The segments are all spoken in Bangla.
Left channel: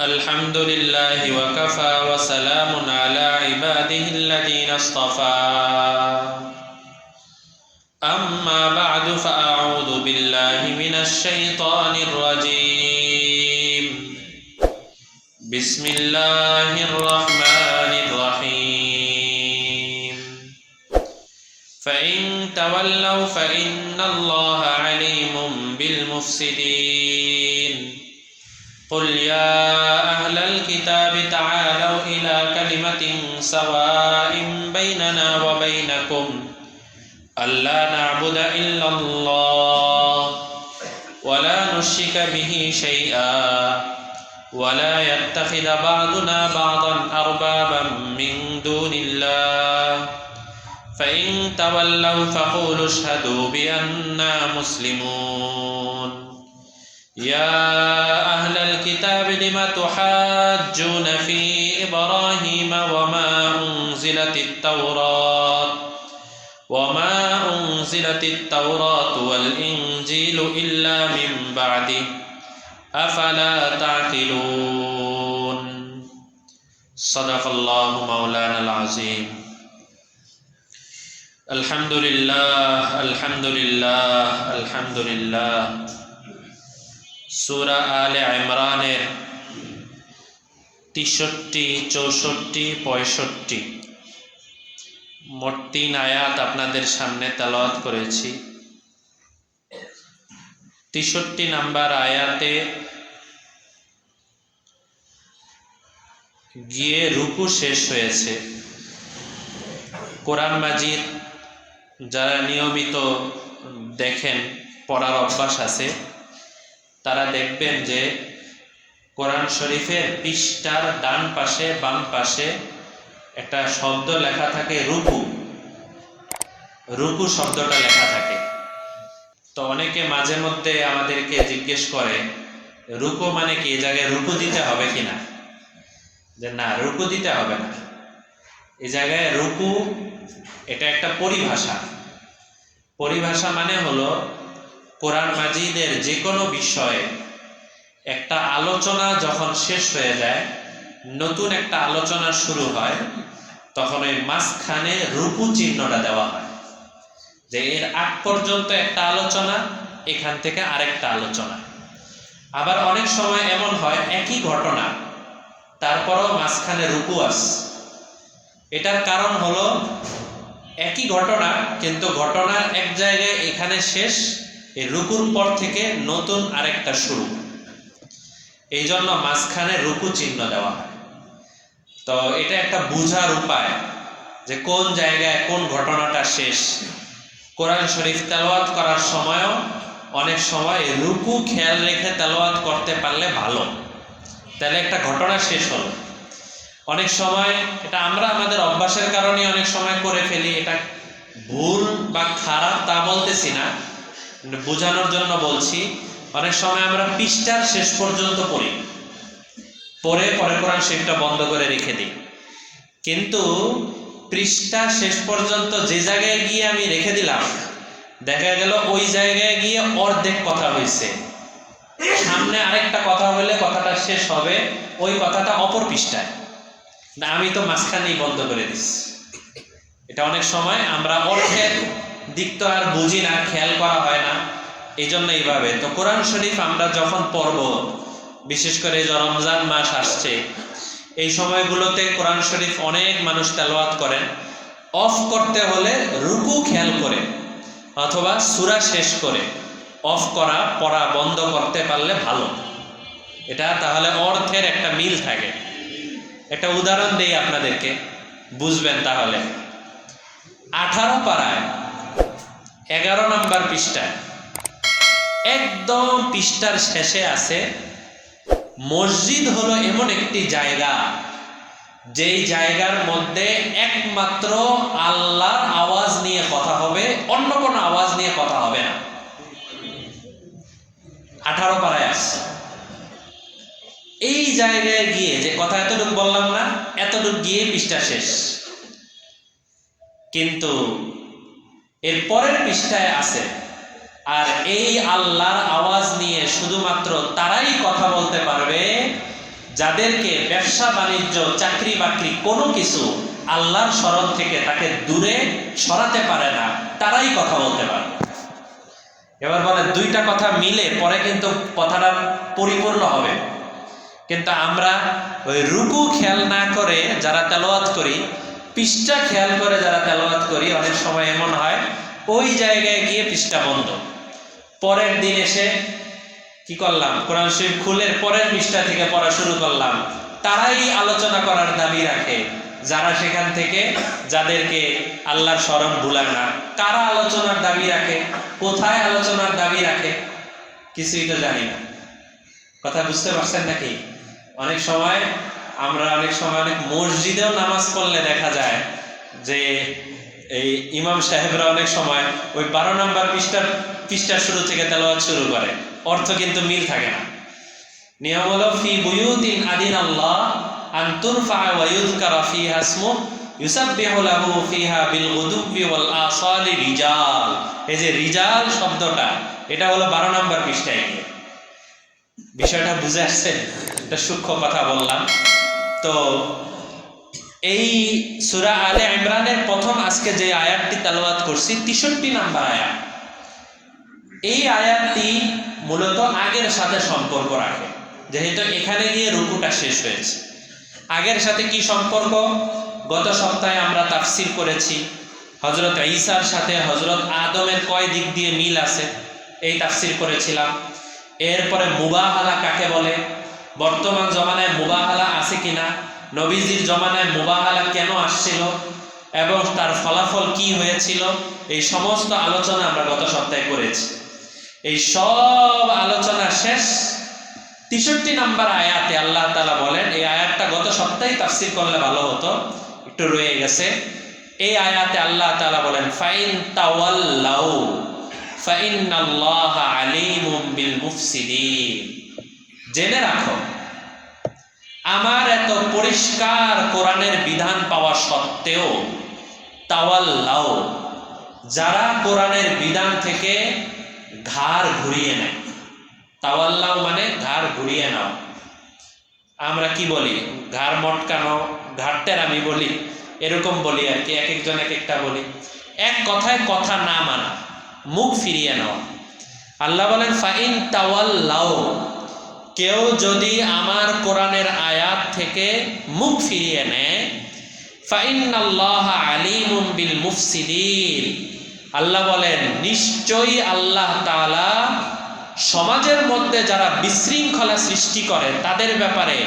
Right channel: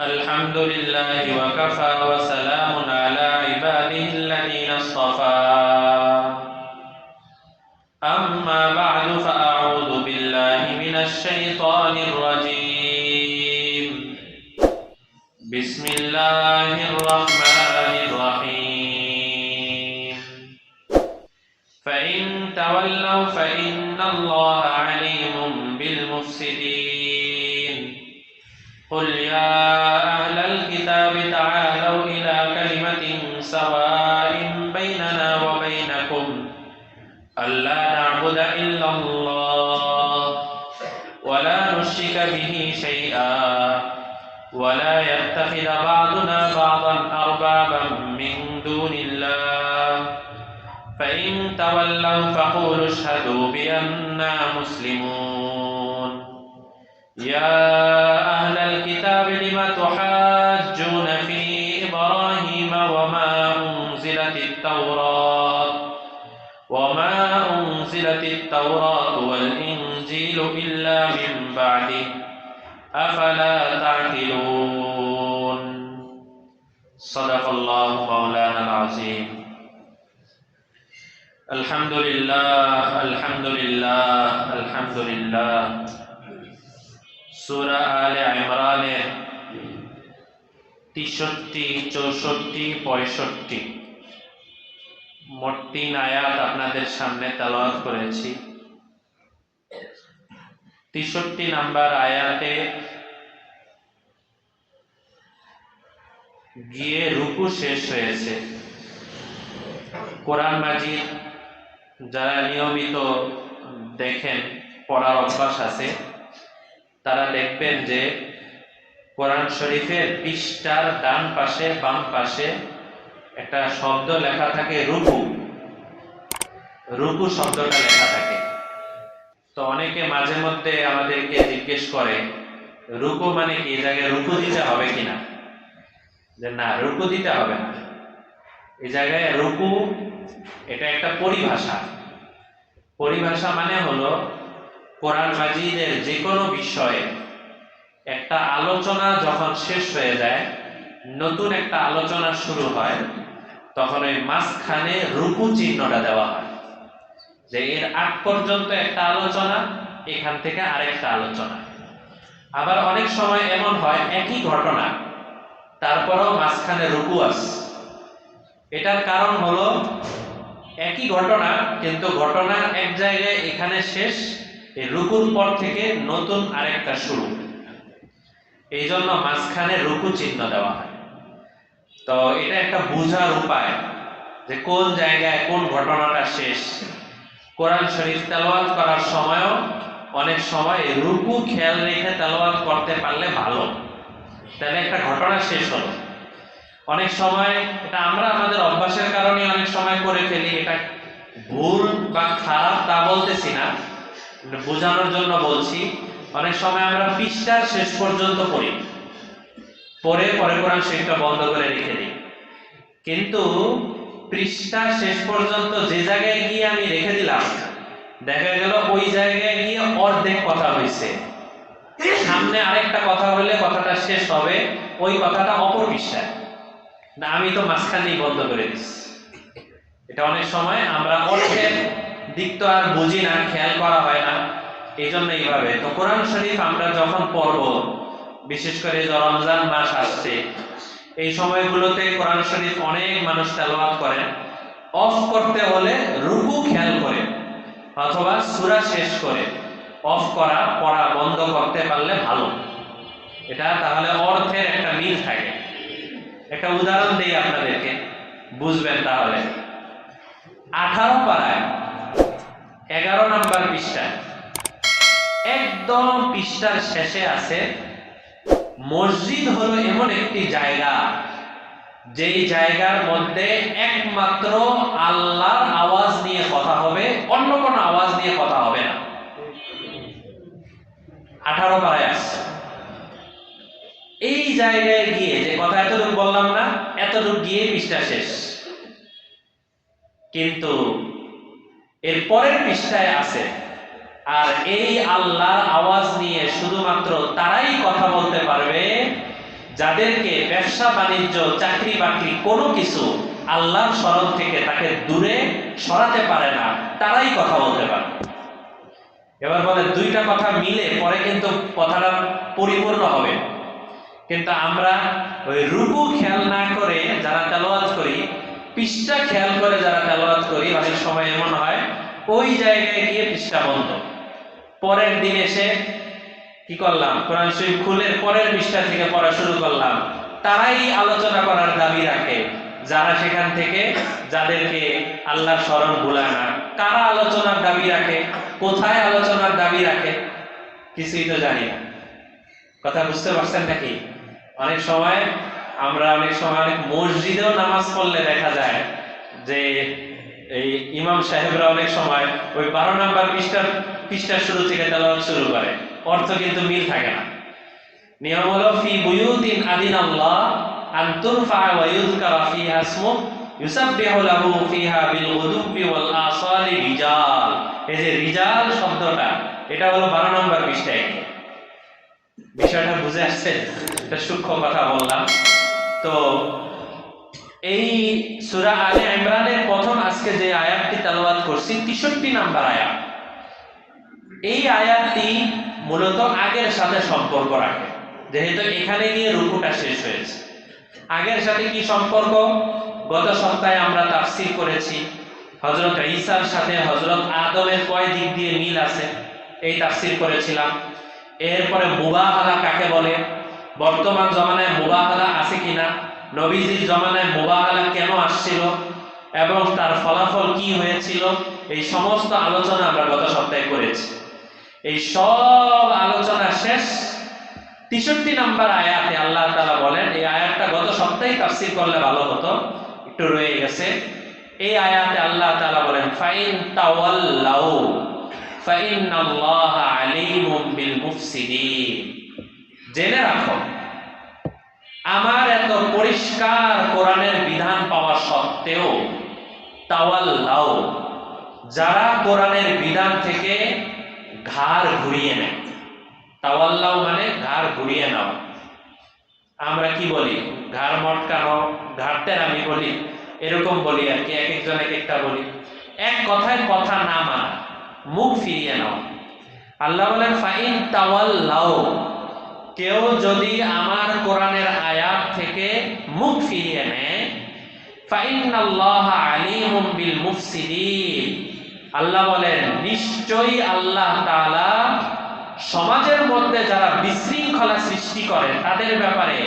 الحمد لله وكفى وسلام على عباده الذين اصطفى أما بعد فأعوذ بالله من الشيطان الرجيم بسم الله الرحمن الرحيم فإن تولوا فإن الله عليم بالمفسدين قل يا أهل الكتاب تعالوا إلى كلمة سواء بيننا وبينكم ألا نعبد إلا الله ولا نشرك به شيئا ولا يتخذ بعضنا بعضا أربابا من دون الله فإن تولوا فقولوا اشهدوا بأننا مسلمون يا أهل الكتاب لم تحاجون في إبراهيم وما أنزلت التوراة والإنجيل إلا من بعده أفلا تعقلون صدق الله مولانا العظيم الحمد لله الحمد لله الحمد لله সূরা আলে ইমরানের 63, 64, 65 মোট 3 আয়াত আপনাদের সামনে তেলাওয়াত করেছি। 63 নাম্বার আয়াতে গিয়ে রুকু শেষ হয়েছে। কোরআন মাজিদ যারা নিয়মিত দেখেন, পড়ার অভ্যাস আছে, তারা দেখবেন যে কোরআন শরীফের পৃষ্ঠার ডান পাশে বাম পাশে একটা শব্দ লেখা থাকে রুকু। রুকু শব্দটা লেখা থাকে। তো অনেকে মাঝে মধ্যে আমাদেরকে জিজ্ঞেস করে রুকু মানে কি, এই জায়গায় রুকু দিতে হবে কিনা। যে না, রুকু দিতে হবে না। এই জায়গায় রুকু এটা একটা পরিভাষা। পরিভাষা মানে হলো কোরআন মাজিদের যে কোনো বিষয়ে একটা আলোচনা যখন শেষ হয়ে যায়, নতুন একটা আলোচনা শুরু হয়, তখন ওই মাঝখানে রুকু চিহ্নটা দেওয়া হয়। যে এর আগ পর্যন্ত একটা আলোচনা, এখান থেকে আরেকটা আলোচনা। আবার অনেক সময় এমন হয় একই ঘটনা, তারপরও মাঝখানে রুকু আছে। এটার কারণ হলো একই ঘটনা, কিন্তু ঘটনা এক জায়গায় এখানে শেষ, এই রুকুর পর থেকে নতুন আরেকটা শুরু। এই জন্য মাঝখানে রুকু চিহ্ন দেওয়া হয়। তো এটা একটা বোঝার উপায় যে কোন জায়গায় কোন ঘটনাটা শেষ। কোরআন শরীফ তেলাওয়াত করার সময়ও অনেক সময় রুকু খেয়াল রেখে তেলাওয়াত করতে পারলে ভালো, তাহলে একটা ঘটনা শেষ হলো। অনেক সময় এটা আমরা আমাদের অভ্যাসের কারণে অনেক সময় করে ফেলি। এটা ভুল বা খারাপ তা বলতেছি না, বোঝানোর জন্য বলছি। অনেক সময় আমরা পৃষ্ঠার শেষ পর্যন্ত পড়ি, পরে কোরআন শরীফটা বন্ধ করে রেখে দিই। কিন্তু পৃষ্ঠা শেষ পর্যন্ত যে জায়গায় গিয়ে আমি রেখে দিলাম, দেখা গেল ওই জায়গায় গিয়ে অর্ধেক কথা হয়েছে, সামনে আরেকটা কথা হলে কথাটা শেষ হবে ওই কথাটা অপর পৃষ্ঠায়, না আমি তো মাঝখানেই বন্ধ করে দিচ্ছি। এটা অনেক সময় আমরা অর্থের দিক তো আর বুঝি না, খেয়াল করা হয় না, এই জন্য এইভাবে। তো কোরআন শরীফ আমরা যখন পড়ব, বিশেষ করে রমজান মাস আসছে, এই সময়গুলোতে কোরআন শরীফ অনেক মানুষ তেলাওয়াত করেন। অফ করতে হলে রুকু খেয়াল করে অথবা সূরা শেষ করে অফ করা, পড়া বন্ধ করতে পারলে ভালো। এটা তাহলে অর্থের একটা মিল থাকে। একটা উদাহরণ দেই আপনাদেরকে, বুঝবেন তাহলে। 18 পারায় 11 নাম্বার পৃষ্ঠায় একদম পৃষ্ঠার শেষে আছে, মসজিদ হলো এমন একটি জায়গা যেই জায়গার মধ্যে একমাত্র আল্লাহর আওয়াজ নিয়ে কথা হবে, অন্য কোনো আওয়াজ নিয়ে কথা হবে না। 18 পারায় আছে। এই জায়গায় গিয়ে যে কথা এতটুকু বললাম না, এতটুকু গিয়ে পৃষ্ঠা শেষ। কিন্তু এর পরের পৃষ্ঠায় আছে, আর এই আল্লাহর আওয়াজ নিয়ে শুধুমাত্র তারাই কথা বলতে পারবে যাদেরকে ব্যবসা বাণিজ্য চাকরি বাকরি কোনো কিছু আল্লাহর স্মরণ থেকে তাকে দূরে সরাতে পারে না, তারাই কথা বলতে পারে। এবার বলে দুইটা কথা মিলে পরে কিন্তু কথাটা পরিপূর্ণ হবে। কিন্তু আমরা ওই রুকু খেয়াল না করে যারা তেলাওয়াত করি, পৃষ্ঠা খেয়াল করে যারা তেলাওয়াত করি, অনেক সময় এমন হয় ওই জায়গায় গিয়ে পৃষ্ঠা বন্ধ, পরের দিন এসে কি করলাম, কোরআন শরীফ খুলে পরের পৃষ্ঠা থেকে পড়া শুরু করলাম। তারাই আলোচনা করার দাবি রাখে, যারা সেখান থেকে যাদেরকে আল্লাহর স্মরণ ভুলায় না। কারা আলোচনার দাবি রাখে, কোথায় আলোচনার দাবি রাখে, কিছুই তো জানি না। কথা বুঝতে পারছেন নাকি? অনেক সময় অনেক মসজিদেও নামাজ পড়লে দেখা যায় যে এই ইমাম সাহেবরা অনেক সময় ওই 12 নম্বর পৃষ্ঠার শুরু থেকে তেলাওয়াত শুরু করে, অর্থ কিন্তু মিল থাকে না। নিয়ম হলো ফি বুয়ুতিন আদিনাল্লাহ আন তুরফা ওয়া ইউযকারা ফিহা ইসমুহু ইউসাব্বিহু লাহু ফিহা বিল গুদুবি ওয়াল আসালি রিজাল। এই যে রিজাল শব্দটা, এটা হলো 12 নম্বর পৃষ্ঠায়। বিষয়টা বুঝে আসছে? এটা সূক্ষ্ম কথা বললাম। তো এই সূরা আলে ইমরানের প্রথম আজকে যে আয়াতটি তেলাওয়াত করছি, 63 নম্বর আয়াত। এই আয়াতটি মূলত আগের সাথে সম্পর্ক রাখে, যেহেতু এখানে গিয়ে রুকুটা শেষ হয়েছে। আগের সাথে কি সম্পর্ক? গত সপ্তাহে আমরা তাফসীর করেছি হযরত ঈসার সাথে হযরত আদমের কয় দিক দিয়ে মিল আছে, এই তাফসীর করেছিলাম। এরপরে মুবাহালা কাকে বলে, বর্তমান জমানায় মুবাহালা আছে কিনা, নবীজির জমানায় মুবাহালা কেন আসছিল এবং তার ফলাফল কি হয়েছিল, এই সমস্ত আলোচনা আমরা গত সপ্তাহে করেছি। এই সব আলোচনা শেষ 63 নম্বর আয়াতে আল্লাহ তাআলা বলেন, এই আয়াতটা গত সপ্তাহে তাফসীর করলে ভালো হতো, একটু রয়ে গেছে। এই আয়াতে আল্লাহ তাআলা বলেন ফাইন তাওয়াল্লাউ ফাইন্নাল্লাহা আলীমুম বিল মুফসিদিন। জেনে রাখো, আমার এত পরিষ্কার কোরআনের বিধান পাওয়া সত্ত্বেও তাওয়াল্লাউ, যারা কোরআনের বিধান থেকে ঘাড় ঘুরিয়ে নেয়। তাওয়াল্লাউ মানে ঘাড় ঘুরিয়ে নাও। আমরা কি বলি, ঘাড় মটকানো, ঘাড় টেরামি বলি, এরকম বলি আর কি, এক একজন এক একটা বলি। এক কথায় কথা না মানা, মুখ ফিরিয়ে নাও। আল্লাহ বলেন ফাইন তাওয়াল্লাউ, কেউ যদি আমার কোরআনের আয়াত থেকে মুখ ফিরিয়ে নেয়, ফাইন্নাল্লাহা আলীমুম বিল মুফসিদিন, আল্লাহ বলেন নিশ্চয়ই আল্লাহ তাআলা সমাজের মধ্যে যারা বিশৃঙ্খলা সৃষ্টি করে তাদের ব্যাপারে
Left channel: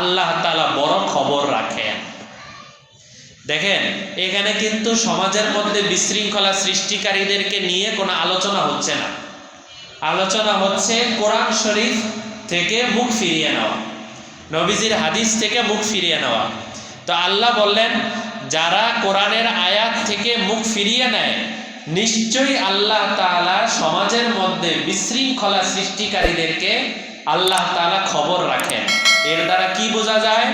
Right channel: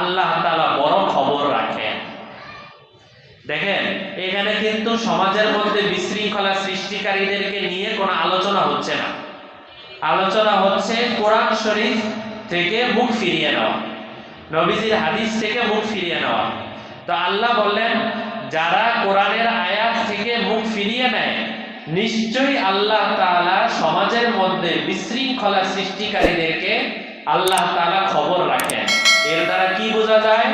আল্লাহ তাআলা বড় খবর রাখেন। দেখেন, এখানে কিন্তু সমাজের মধ্যে বিশৃঙ্খলা সৃষ্টিকারীদেরকে নিয়ে কোনো আলোচনা হচ্ছে না, আলোচনা হচ্ছে কোরআন শরীফ থেকে মুখ ফিরিয়ে নেওয়া, নবীজির হাদিস থেকে মুখ ফিরিয়ে নেওয়া। তো আল্লাহ বললেন যারা কোরআনের আয়াত থেকে মুখ ফিরিয়ে নেয়, নিশ্চয়ই আল্লাহ তাআলা সমাজের মধ্যে বিশৃঙ্খলা সৃষ্টিকারীদেরকে আল্লাহ তাআলা খবর রাখেন। এর দ্বারা কি বোঝা যায়,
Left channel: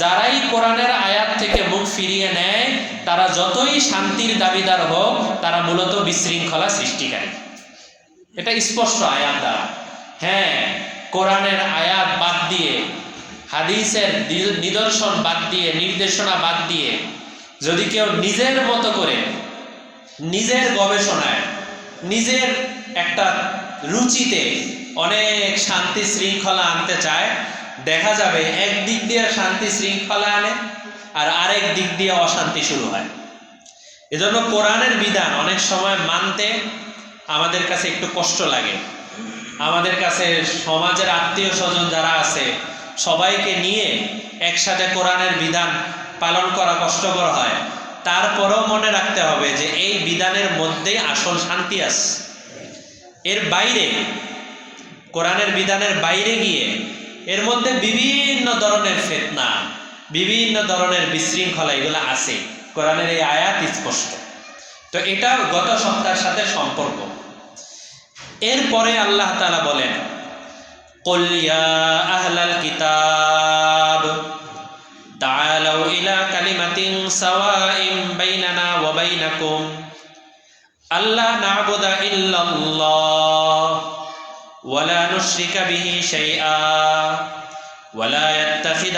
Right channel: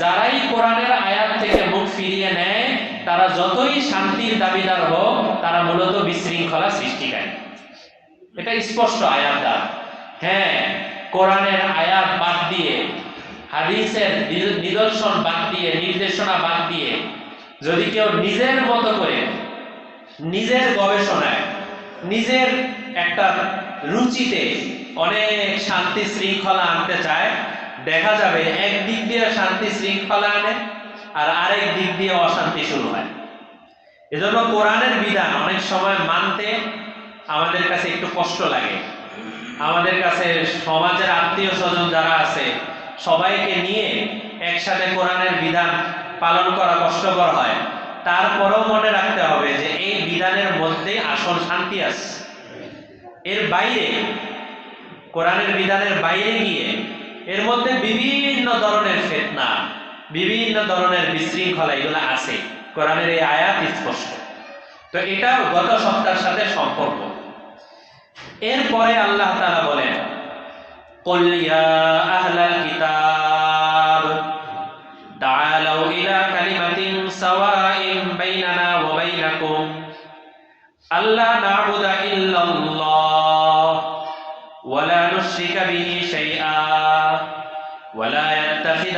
যারাই কোরআনের আয়াত থেকে মুখ ফিরিয়ে নেয় তারা যতই শান্তির দাবিদার হোক, তারা মূলত বিশৃঙ্খলা সৃষ্টিকারী। এটা স্পষ্ট আয়াত দ্বারা। হ্যাঁ, কোরআনের আয়াত বাদ দিয়ে, হাদিসের নিদর্শন বাদ দিয়ে, নির্দেশনা বাদ দিয়ে যদি কেউ নিজের মতো করে, নিজের গবেষণায়, নিজের একটা রুচিতে অনেক শান্তি শৃঙ্খলা আনতে চায়, দেখা যাবে একদিক দিয়ে শান্তি শৃঙ্খলা আনে আর আরেক দিক দিয়ে অশান্তি শুরু হয়। এজন্য কোরআনের বিধান অনেক সময় মানতে আমাদের কাছে একটু কষ্ট লাগে। আমাদের কাছে সমাজের আত্মীয় স্বজন যারা আছে সবাইকে নিয়ে একসাথে কোরআনের বিধান পালন করা কষ্টকর হয়। তারপরেও মনে রাখতে হবে যে এই বিধানের মধ্যে আসল শান্তি আছে। এর বাইরে, কোরআনের বিধানের বাইরে গিয়ে এর মধ্যে বিভিন্ন ধরনের ফিতনা, বিভিন্ন ধরনের বিশৃঙ্খলা এগুলো আছে। কোরআনের এই আয়াত স্পষ্ট। তো এটা গত সপ্তাহের সাথে সম্পর্ক। এরপরে আল্লাহ তাআলা বলেন কুল ইয়া আহলাল কিতাব তাআলাউ ইলা কালিমাতিন সাওয়াইন বাইনানা ওয়া বাইনাকুম আল্লা না'বুদা ইল্লাল্লাহ ওয়া লা নুশরিকা বিহি শাইআ ওয়া লা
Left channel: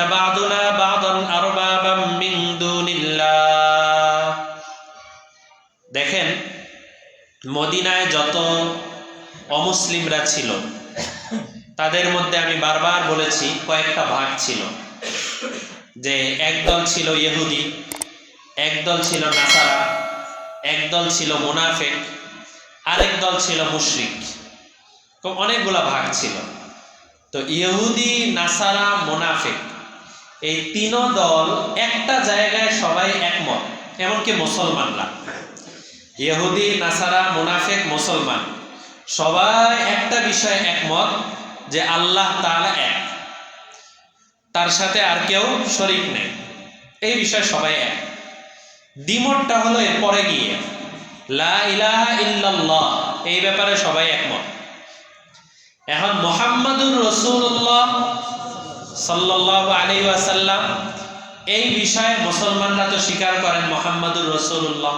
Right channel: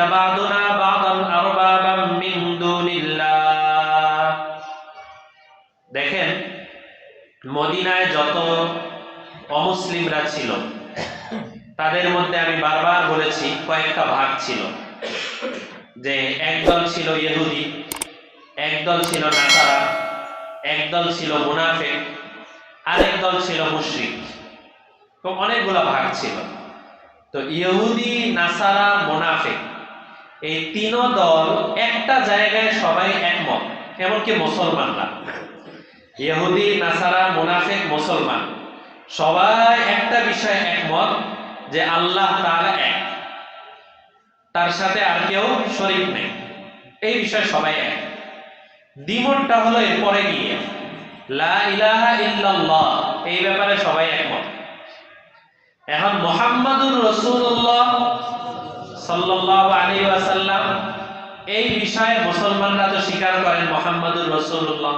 ইয়াত্তাখিযা বা'দুনা বা'দান আরবাবাম মিন দুনিল্লাহ। দেখেন, মদিনায় যত অমুসলিমরা ছিল তাদের মধ্যে আমি বারবার বলেছি কয়েকটা ভাগ ছিল, যে একদল ছিল ইহুদি, একদল ছিল নাসারা, একদল ছিল মুনাফিক, আরেক দল ছিল মুশরিক। তো অনেকগুলা ভাগ ছিল। তো ইহুদি, নাসারা, মুনাফিক এই তিন দল একটা জায়গায় সবাই একমত, এমনকি মুসলমানরা, ইহুদি, নাসারা, মুনাফিক, মুসলমান সবাই একটা বিষয়ে একমত যে আল্লাহ তাআলা এক, তার সাথে আর কেউ শরীক নেই। এই বিষয়ে সবাই এক। দ্বিমতটা হলো এরপরে গিয়ে লা ইলাহা ইল্লাল্লাহ, এই ব্যাপারে সবাই একমত। এখন মুহাম্মাদুর রাসূলুল্লাহ সাল্লাল্লাহু আলাইহি ওয়াসাল্লাম, এই বিষয়ে মুসলমানরা তো স্বীকার করেন মুহাম্মাদুর রাসূলুল্লাহ,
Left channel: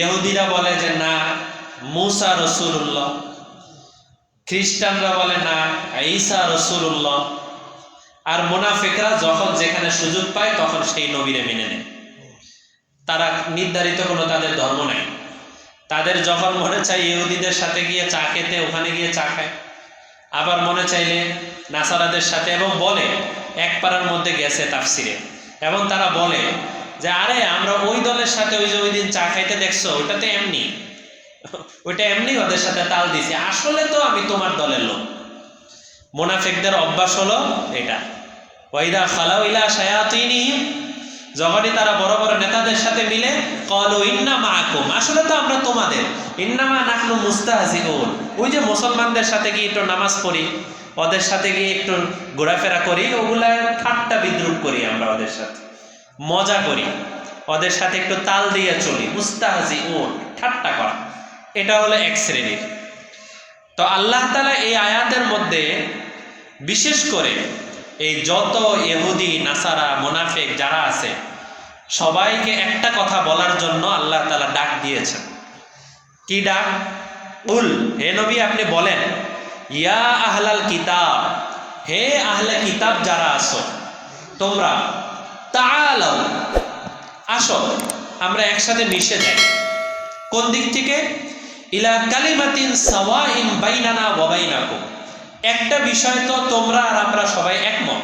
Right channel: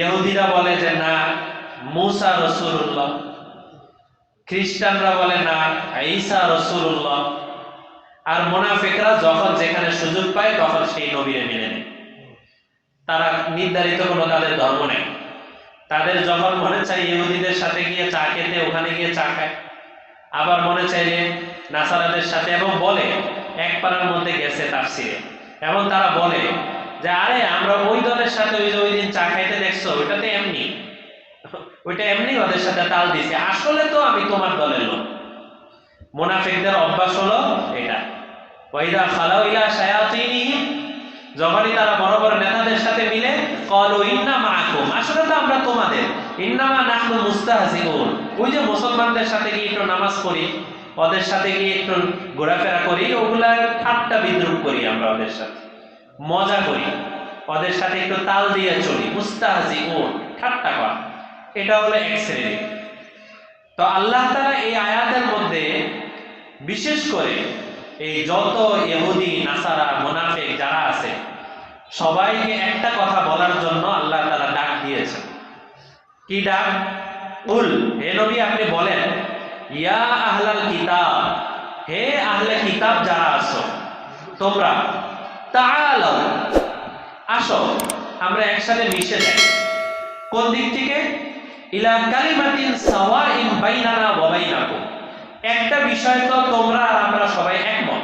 ইহুদিরা বলে যে না মুসা রাসূলুল্লাহ, খ্রিস্টানরা বলে না ঈসা রাসূলুল্লাহ, আর মুনাফিকরা যখন যেখানে সুযোগ পায় তখন সেই নবীরে মেনে নেয়। তারা নির্ধারিত কোনো তাদের ধর্ম নেই। তাদের যখন মনে চায় ইহুদিদের সাথে গিয়ে চা খেতে, ওখানে গিয়ে চা খায়, আবার মনে চাইলে নাসারাদের সাথে, এবং বলে এক পাড়ার মধ্যে গেছে তাফসিরে, এবং তারা বলে যে আরে আমরা ওই দলের সাথে ওই যে ওই দিন চা খাইতে দেখছো, ওইটাতে এমনি, ওইটা এমনি ওদের সাথে তাল দিছে, আসলে তো আমি তোমার দলের লোক। মুনাফিকদের অভ্যাস হলো এটা। ওয়াইদা খালাউ ইলা শায়াতিনিহিম, যখনই তারা বড় বড় নেতাদের সাথে মিলে ক্বালু ইন্না মাআকুম, আসলে তো আমরা তোমাদের, ইন্নামা নাহনু মুস্তাহজিউন, ওই যে মুসলমানদের সাথে গিয়ে একটু নামাজ পড়ি, ওদের সাথে গিয়ে একটু ঘোরাফেরা করি, ওগুলা ঠাট্টা বিদ্রুপ করি, আমরা ওদের সাথে মজা করি, ওদের সাথে একটু তাল দিয়ে চলি, মুস্তাহজিউন, ঠাট্টা করা। এটা হলো এক শ্রেণীর। তো আল্লাহ তাআলা এই আয়াতের মধ্যে বিশেষ করে এই যত ইহুদি, নাসারা, মুনাফিক যারা আছে সবাইকে একটা কথা বলার জন্য আল্লাহ তাআলা ডাক দিয়েছেন। কি ডাক? উল, হে নবী আপনি বলেন, ইয়া আহলাল কিতাব, হে আহলে কিতাব যারা আছো তোমরা, তাআলাও, আসো আমরা একসাথে মিশে যাই। কোন দিক থেকে? ইলা কালিমাতিন সাওয়াইন বাইনানা ওয়া বাইনাকুম, একটা বিষয় তো তোমরা আর আমরা সবাই একমত।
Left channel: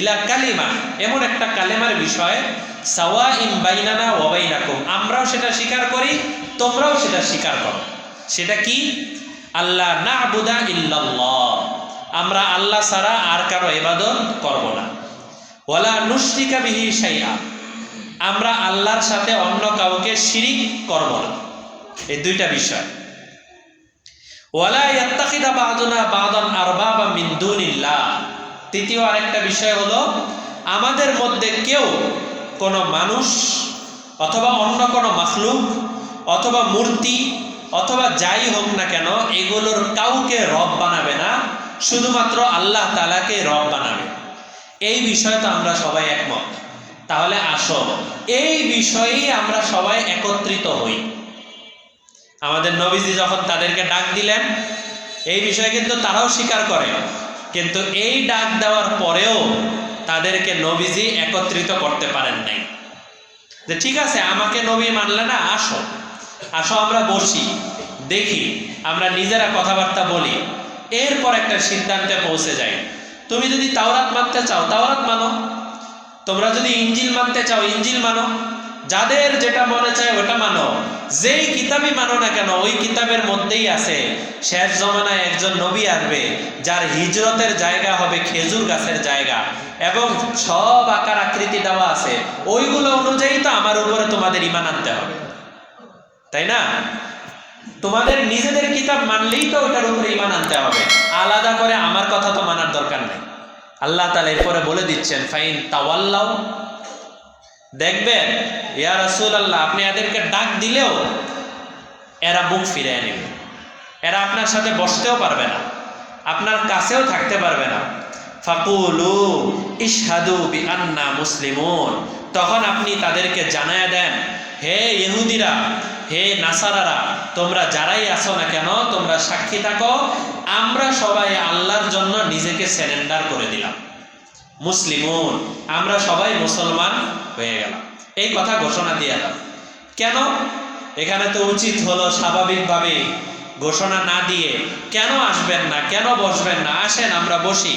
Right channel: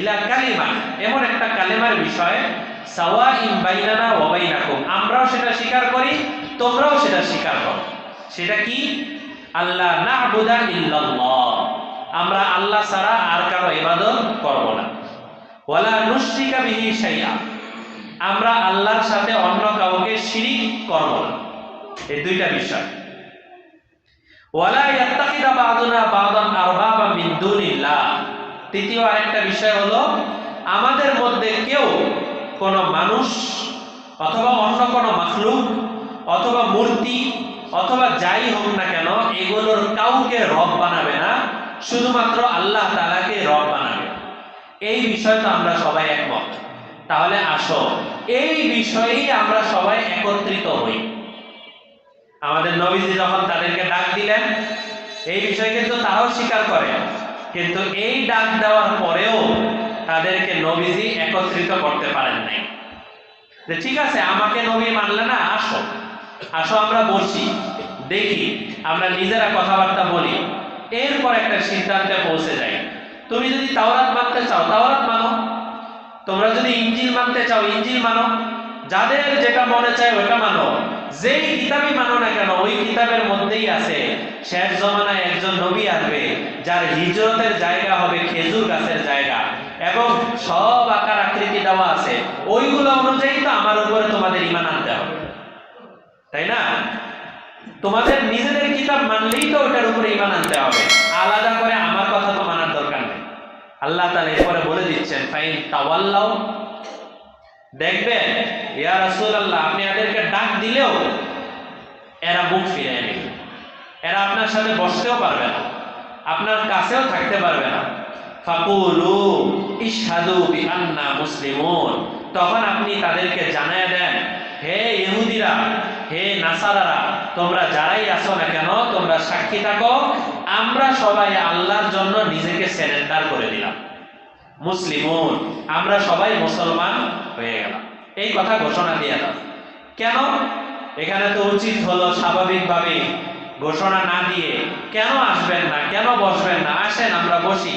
ইলা কালিমা, এমন একটা কালেমার বিষয়, সাওয়াইন বাইনানা ওয়া বাইনাকুম, আমরাও সেটা স্বীকার করি, তোমরাও সেটা স্বীকার করো। সেটা কি? আল্লাহ না'বুদা ইল্লাল্লাহ, আমরা আল্লাহ ছাড়া আর কারো ইবাদত করব না। ওয়ালা নুশরিকা বিহি শাইআ, আমরা আল্লাহর সাথে অন্য কাউকে শিরিক করব না। এই দুইটা বিষয়। ওয়ালা ইয়াত্তাখিযা বা'দুনা বা'দান আরবাবা মিন দুনিল্লাহ, তৃতীয় আরেকটা বিষয় হলো আমাদের মধ্যে কেউ কোনো মানুষ অথবা অন্য কোনো মাখলুক অথবা মূর্তি অথবা যাই হোক না কেন এগুলোর কাউকে রব বানাবে না, শুধুমাত্র আল্লাহ তাআলাকে রব বানাবে। এই বিষয়ে তো আমরা সবাই একমত। তাহলে আসো এই বিষয়েই আমরা সবাই একত্রিত হই। আমাদের নবীজি যখন তাদেরকে ডাক দিলেন, এই বিষয়ে কিন্তু তারাও স্বীকার করে, কিন্তু এই ডাক দেওয়ার পরেও তাদেরকে নবীজি একত্রিত করতে পারেন নাই। যে ঠিক আছে আমাকে নবী মানলে না, আসো আসো আমরা বসি, দেখি, আমরা নিজেরা কথাবার্তা বলি, এরপর একটা সিদ্ধান্তে পৌঁছে যাই। তুমি যদি তাওরাত মানতে চাও তাওরাত মানো, তোমরা যদি ইনজিল মানতে চাও ইনজিল মানো, যাদের যেটা মনে চায় ওটা মানো। যেই কিতাবই মানো না কেন ওই কিতাবের মধ্যেই আছে শেষ জমানায় একজন নবী আসবে যার হিজরতের জায়গা হবে খেজুর গাছের জায়গা, এবং সব আকার আকৃতি দেওয়া আছে, ওইগুলো অনুযায়ী তো আমার উপরে তোমাদের ঈমান আনতে হবে, তাই না? তোমাদের নিজেদের কিতাব মানলেই তো ওটার উপরে ঈমান আনতে হবে, আলাদা করে আমার কথা তো মানার দরকার নেই। আল্লাহ তাআলা এরপরে বলে দিচ্ছেন ফাইন তাওয়াল্লাউ, দেখবেন ইয়া রাসূলুল্লাহ আপনি এদেরকে ডাক দিলেও এরা মুখ ফিরিয়ে নেবে, এরা আপনার সাথে বসতেও পারবে না, আপনার কাছেও থাকতে পারবে না। ফাকুলু ইশহাদু বিআন্না মুসলিমুন, তখন আপনি তাদেরকে জানায়া দেন, হে ইহুদিরা, হে নাসারারা, তোমরা যারাই আছো না কেন তোমরা সাক্ষী থাকো আমরা সবাই আল্লাহর জন্য নিজেকে সারেন্ডার করে দিলাম, মুসলিমুন, আমরা সবাই মুসলমান হয়ে গেলাম, এই কথা ঘোষণা দিয়ে দাও। কেন? এখানে তো উচিত হলো স্বাভাবিকভাবে ঘোষণা না দিয়ে কেন আসবেন না, কেন বসবেন না, আসেন আমরা বসি,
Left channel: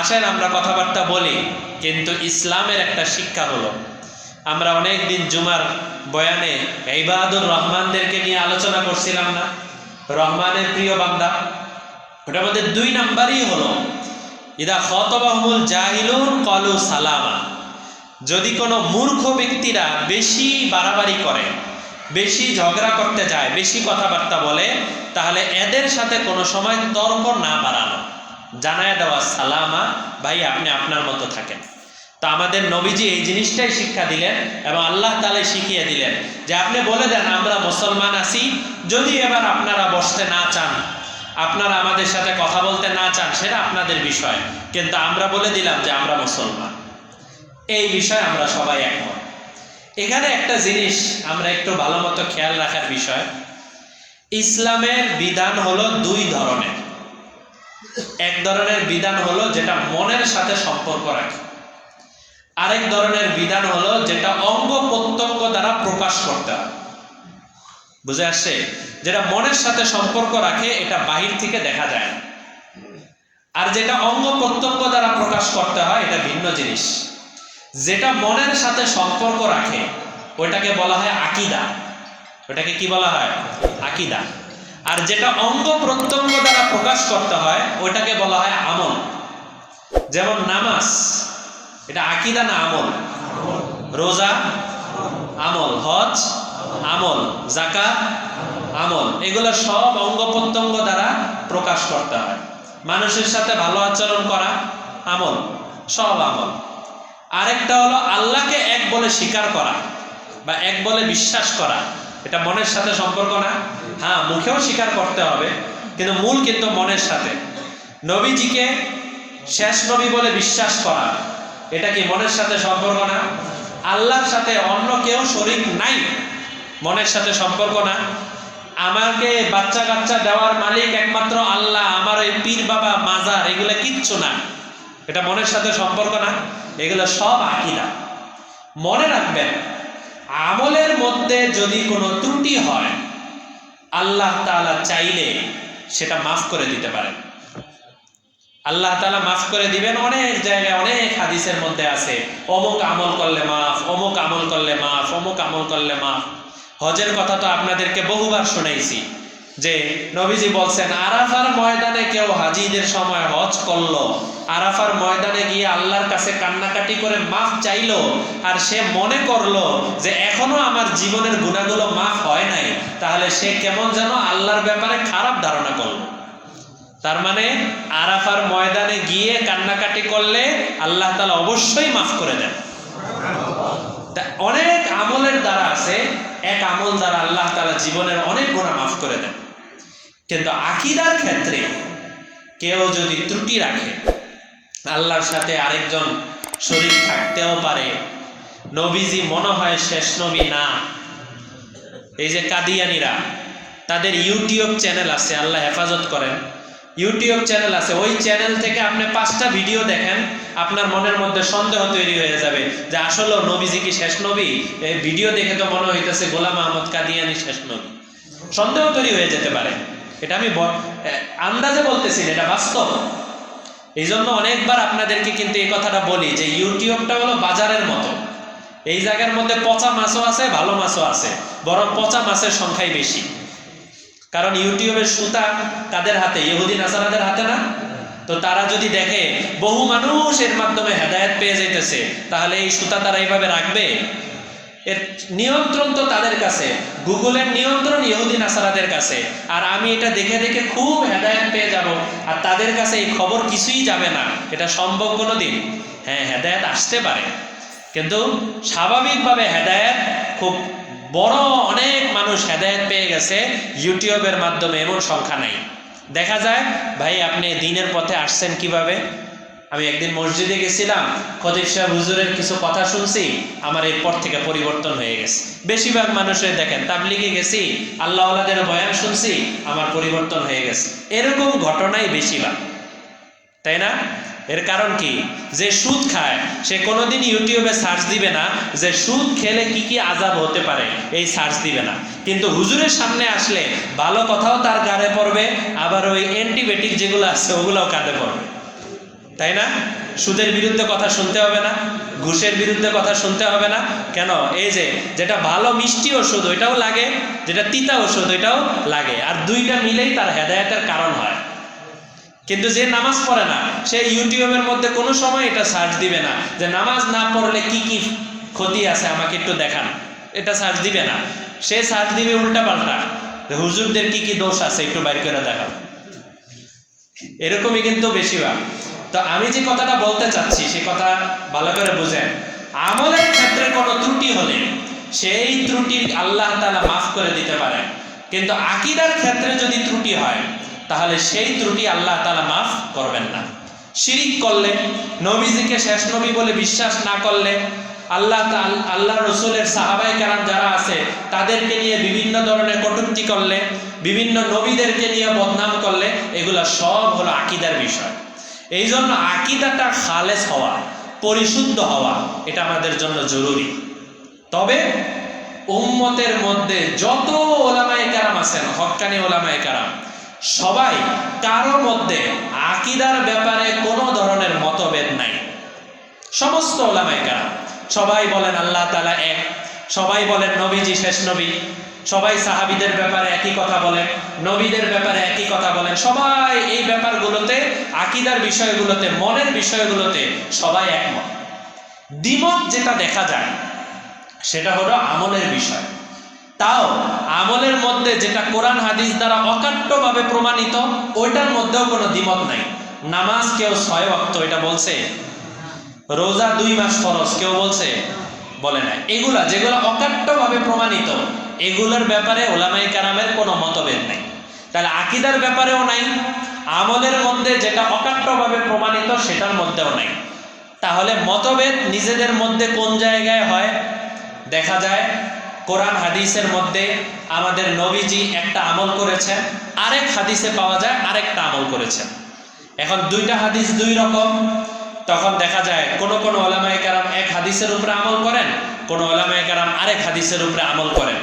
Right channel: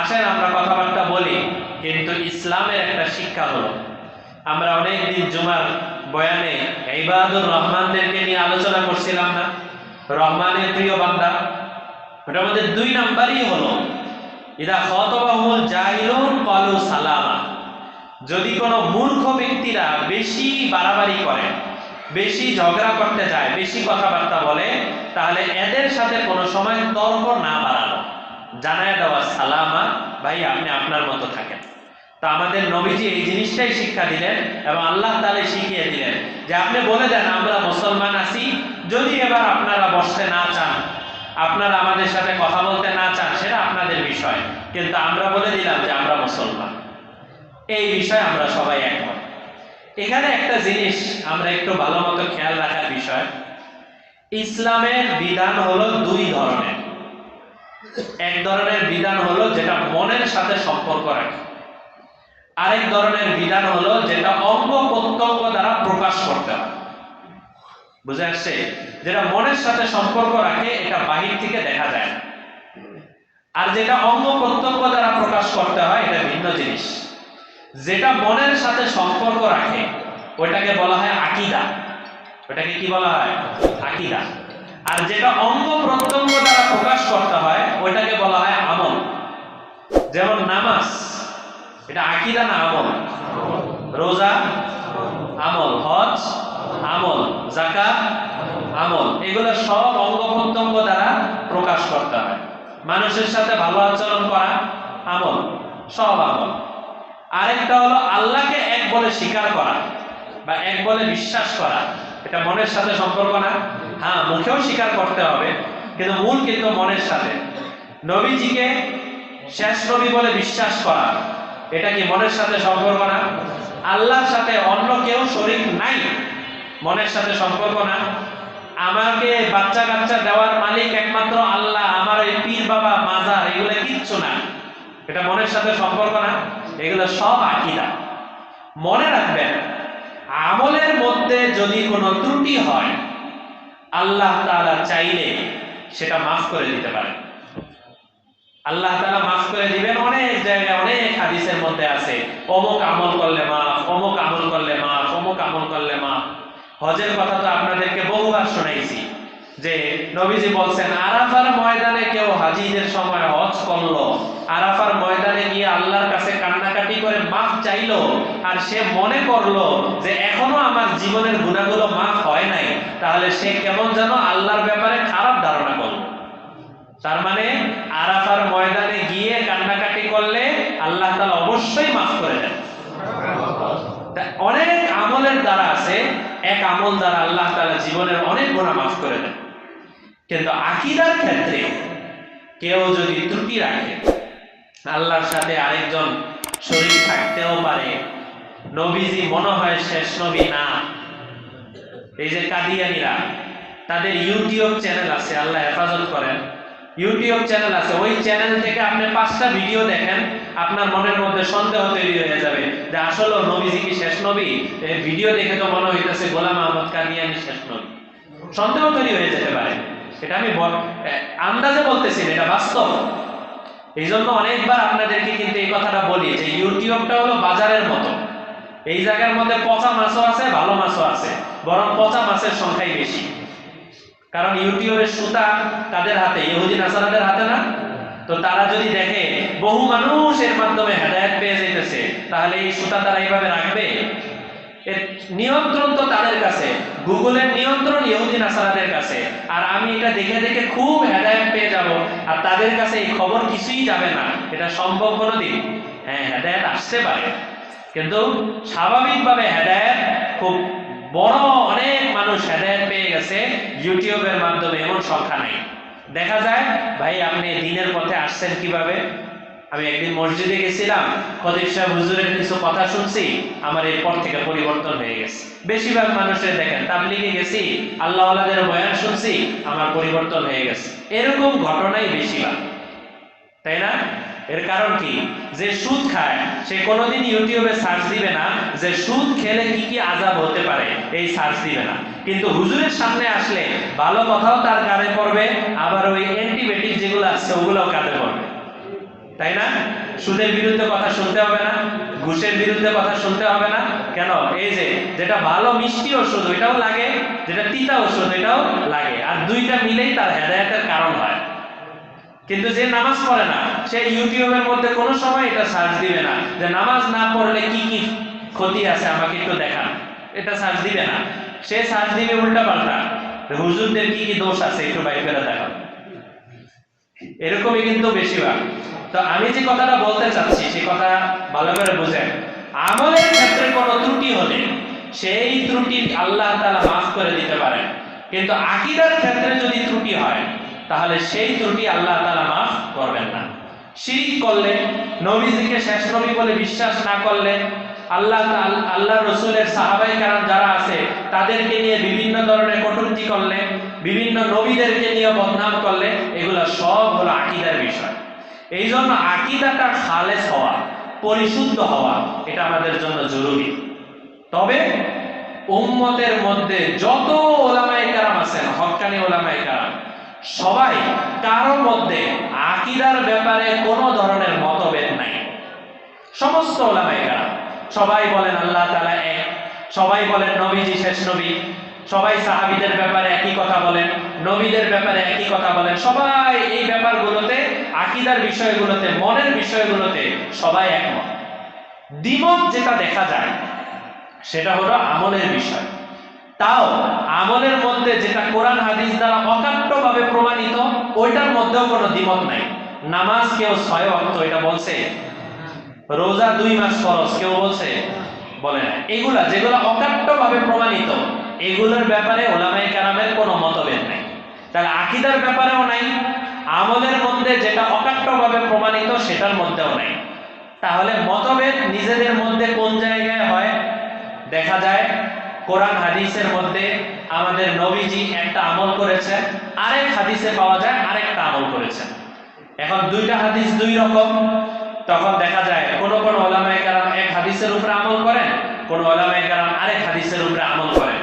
আসেন আমরা কথাবার্তা বলি। কিন্তু ইসলামের একটা শিক্ষা হলো, আমরা অনেকদিন জুমার বয়ানে ইবাদুর রহমানদেরকে নিয়ে আলোচনা করছিলাম না, রহমানের প্রিয় বান্দা। ওটার মধ্যে 2 নাম্বারই হলো ইদা খাতাবাহুল জাহিলুন ক্বালু সালামা। যদি কোনো মূর্খ ব্যক্তিরা বেশি বাড়াবাড়ি করে, বেশি ঝগড়া করতে যায়, বেশি কথাবার্তা বলে, তাহলে এদের সাথে কোনো সময় তর্ক না বাড়ানো, জানায় দেওয়া সালামা, ভাই আপনি আপনার মতো থাকেন। তো আমাদের নবীজি এই জিনিসটাই শিক্ষা দিলেন এবং আল্লাহ তাআলা শিখিয়ে দিলেন যে আপনি বলে দেন আমরা মুসলমান আছি, যদি এবার আপনারা বসতে না চান, আপনারা আমাদের সাথে কথা বলতে না চান, সেটা আপনাদের বিষয়, কিন্তু আমরা বলে দিলাম যে আমরা মুসলমান। এই বিষয়ে আমরা সবাই একমত। এখানে একটা জিনিস আমরা একটু ভালো মতো খেয়াল রাখার বিষয়, ইসলামের বিধান হলো 2 ধরনের। এক ধরনের বিধান হলো যেটা মনের সাথে সম্পর্ক রাখে, আরেক ধরনের বিধান হলো যেটা অঙ্গ প্রত্যঙ্গ দ্বারা প্রকাশ করতে হয়। বুঝে আসছে? যেটা মনের সাথে সম্পর্ক রাখে এটা বাহির থেকে দেখা যায় না, আর যেটা অঙ্গ প্রত্যঙ্গ দ্বারা প্রকাশ করতে হয় এটা ভিন্ন জিনিস। যেটা মনের সাথে সম্পর্ক রাখে ওটাকে বলা হয় আকীদা, ওটাকে কি বলা হয়? আকীদা। আর যেটা অঙ্গ প্রত্যঙ্গ দ্বারা প্রকাশ করতে হয় ওটাকে বলা হয় আমল। যেমন নামাজ, এটা আকীদা না আমল? রোজা আমল, হজ আমল, যাকাত আমল, এগুলো সব অঙ্গ প্রত্যঙ্গ দ্বারা প্রকাশ করতে হয়। মানুষের সাথে ভালো আচরণ করা আমল, সব আমল। আরেকটা হলো আল্লাহকে এক বলে স্বীকার করা বা এক বলে বিশ্বাস করা, এটা মনের সাথে সম্পর্ক না? হ্যাঁ, মুখেও স্বীকার করতে হবে, কিন্তু মূল কিন্তু মনের সাথে। নবীজিকে শেষ নবী বলে বিশ্বাস করা, এটা কি মনের সাথে সম্পর্ক না? আল্লাহর সাথে অন্য কেউ শরীক নাই, মনের সাথে সম্পর্ক না? আমাকে বাচ্চা কাচ্চা দেওয়ার মালিক একমাত্র আল্লাহ, আমার এই পীর বাবা মাজার এগুলো কিচ্ছু না, এটা মনের সাথে সম্পর্ক না? এগুলো সব আকীদা। মনে রাখবেন, আমলের মধ্যে যদি কোনো ত্রুটি হয় আল্লাহ তাআলা চাইলে সেটা মাফ করে দিতে পারেন। আল্লাহ তাআলা মাফ করে দিবেন। অনেক জায়গায় অনেক হাদিসের মধ্যে আছে অমুক আমল করলে মাফ, অমুক আমল করলে মাফ, অমুক আমল করলে মাফ। হজের কথা তো আপনাদেরকে বহুবার শোনাইছি যে নবীজি বলছেন আরাফার ময়দানে কেউ হাজিদের সময় হজ করলো, আরাফার ময়দানে গিয়ে আল্লাহর কাছে কান্নাকাটি করে মাফ চাইলো, আর সে মনে করলো যে এখনো আমার জীবনের গুনাহগুলো মাফ হয় নাই, তাহলে সে কেমন যেন আল্লাহর ব্যাপারে খারাপ ধারণা করলো। তার মানে আরাফার ময়দানে গিয়ে কান্নাকাটি করলে আল্লাহ তাআলা অবশ্যই মাফ করে দেন। অনেক আমলের দ্বারা আছে, এক আমল দ্বারা আল্লাহ তাআলা জীবনের অনেক গুনাহ মাফ করে দেন। কিন্তু আকীদার ক্ষেত্রে কেউ যদি ত্রুটি রাখে, আল্লাহর সাথে আরেকজন শরীক থাকতেও পারে, নবীজি মনে হয় শেষ নবী না। এই যে কাদিয়ানীরা, তাদের ইউটিউব চ্যানেল আছে, আল্লাহ হেফাজত করেন, ইউটিউব চ্যানেল আছে, ওই চ্যানেল থেকে আপনি 5টা ভিডিও দেখেন, আপনার মনের মধ্যে সন্দেহ তৈরি হয়ে যাবে যে আসলে নবীজি কি শেষ নবী? এই ভিডিও দেখে তো মনে হইতেছে গোলাম আহমদ কাদিয়ানী শেষ নবী। সন্দেহ তৈরি হয়ে যেতে পারে, এটা আমি আন্দাজে বলতেছি, এটা বাস্তব। এই জন্য অনেকবার আপনাদেরকে কিন্তু এই কথাটা বলি যে ইউটিউবটা হলো বাজারের মতো, এই জায়গার মধ্যে পচা মাছও আছে, ভালো মাছও আছে, বরং পচা মাছের সংখ্যাই বেশি। কারণ ইউটিউবের সুতা তাদের হাতে, ইহুদি নাসারাদের হাতে না। তো তারা যদি দেখে বহু মানুষ এর মাধ্যমে হেদায়েত পেয়ে যাইতেছে, তাহলে এই সুতা তারা এইভাবে রাখবে? এর নিয়ন্ত্রণ তো তাদের কাছে, গুগলের নিয়ন্ত্রণ ইহুদি নাসারাদের কাছে। আর আমি এটা দেখে দেখে খুব হেদায়েত পেয়ে যাব, আর তাদের কাছে এই খবর কিছুই যাবে না, এটা সম্ভব কোনোদিন? হ্যাঁ, হেদায়েত আসতে পারে, কিন্তু স্বাভাবিকভাবে হেদায়েত খুব বড় অনেক মানুষ হেদায়েত পেয়ে গেছে ইউটিউবের মাধ্যমে, এমন সংখ্যা নাই। দেখা যায় ভাই আপনি দিনের পথে আসছেন কিভাবে? আমি একদিন মসজিদে গেছিলাম, খতিব সাহেব হুজুরের কিছু কথা শুনছি, আমার এরপর থেকে পরিবর্তন হয়ে গেছে। বেশিরভাগ মানুষের দেখেন তাবলিগে গেছি, আল্লাহ ওয়ালাদের বয়ান শুনছি, আমার পরিবর্তন হয়ে গেছে। এরকম ঘটনাই বেশিরভাগ, তাই না? এর কারণ কি? যে সুদ খায় সে কোনোদিন ইউটিউবে সার্চ দিবে না যে সুদ খেলে কি কি আযাব হতে পারে, এই সার্চ দিবে না। কিন্তু হুজুরের সামনে আসলে ভালো কথাও তার কানে পড়বে, আবার ওই অ্যান্টিবায়োটিক যেগুলো আছে ওগুলোও কানে পড়বে, তাই না? সুদের বিরুদ্ধে কথা শুনতে হবে না, ঘুষের বিরুদ্ধে কথা শুনতে হবে না। কেন? এই যে যেটা ভালো মিষ্টি ওষুধ ওইটাও লাগে, যেটা তিতা ওষুধ ওইটাও লাগে, আর দুইটা মিলেই তার হেদায়েতের কারণ হয়। কিন্তু যে নামাজ পড়ে না সে ইউটিউবের মধ্যে কোনো সময় এটা সার্চ দিবে না যে নামাজ না পড়লে কি কি ক্ষতি আছে আমাকে একটু দেখান, এটা সার্চ দিবে না। সে সার্চ দিবে উল্টা পাল্টা, হুজুরদের কি কি দোষ আছে একটু বাইর করে দেখান। এরকমই কিন্তু বেশিরভাগ। তো আমি যে কথাটা বলতে চাচ্ছি সে কথা ভালো করে বুঝেন। আমলের ক্ষেত্রে কোনো ত্রুটি হলে সেই ত্রুটি আল্লাহ তাআলা মাফ করে দিতে পারেন, কিন্তু আকীদার ক্ষেত্রে যদি ত্রুটি হয় তাহলে সেই ত্রুটি আল্লাহ তাআলা মাফ করবেন না। শিরিক করলে, নবীজিকে শেষ নবী বলে বিশ্বাস না করলে, আল্লাহ রসুলের সাহাবায়ে কেরাম যারা আছে তাদেরকে নিয়ে বিভিন্ন ধরনের কটূক্তি করলে, বিভিন্ন নবীদেরকে নিয়ে বদনাম করলে, এগুলা সব হলো আকীদার বিষয়। এই জন্য আকীদাটা খালেস হওয়া, পরিশুদ্ধ হওয়া, এটা আমাদের জন্য জরুরি। তবে উম্মতের মধ্যে যত ওলামায়ে কেরাম আছেন, হক্কানি ওলামায়ে কেরাম, সবাই কারো মধ্যে আকীদার ব্যাপারে কোনো ধরনের মতভেদ নাই। সমস্ত ওলামায়ে কেরাম সবাই বলেন আল্লাহ তাআলা এক, সবাই বলেন নবীজি শেষ নবী, সবাই সাহাবীদের ব্যাপারে একই কথা বলেন, নবীদের ব্যাপারে একই কথা বলেন। সবাই এই ব্যাপারগুলোতে, আকীদার বিষয়গুলোতে, মনের বিষয়গুলোতে সবাই একমত। দ্বিমত যেটা দেখা যায় সেটা হলো আমলের বিষয়। তাও আমলের মধ্যে যেটা কোরআন হাদিস দ্বারা অকাট্যভাবে প্রমাণিত, ওইটার মধ্যেও কোনো দ্বিমত নাই। নামাজ কেউ 6 ওয়াক্ত এটা বলছে, রোজা 2 মাস ফরজ কেউ বলছে, বলে না। এগুলা যেগুলো অকাট্যভাবে প্রমাণিত, এগুলোর ব্যাপারে ওলামায়ে কেরামের কোনো মতভেদ নাই। তাহলে আকীদার ব্যাপারেও নাই, আমলের মধ্যে যেটা অকাট্যভাবে প্রমাণিত সেটার মধ্যেও নাই। তাহলে মতভেদ নিজেদের মধ্যে কোন জায়গায় হয়? দেখা যায় কোরআন হাদিসের মধ্যে আমাদের নবীজি একটা আমল করেছেন, আরেক হাদিসে পাওয়া যায় আরেকটা আমল করেছেন। এখন দুইটা হাদিস দুই রকম, তখন দেখা যায় কোন কোন ওলামায়ে কেরাম এক হাদিসের উপরে আমল করেন, কোন ওলামায়ে কেরাম আরেক হাদিসের উপরে আমল করেন।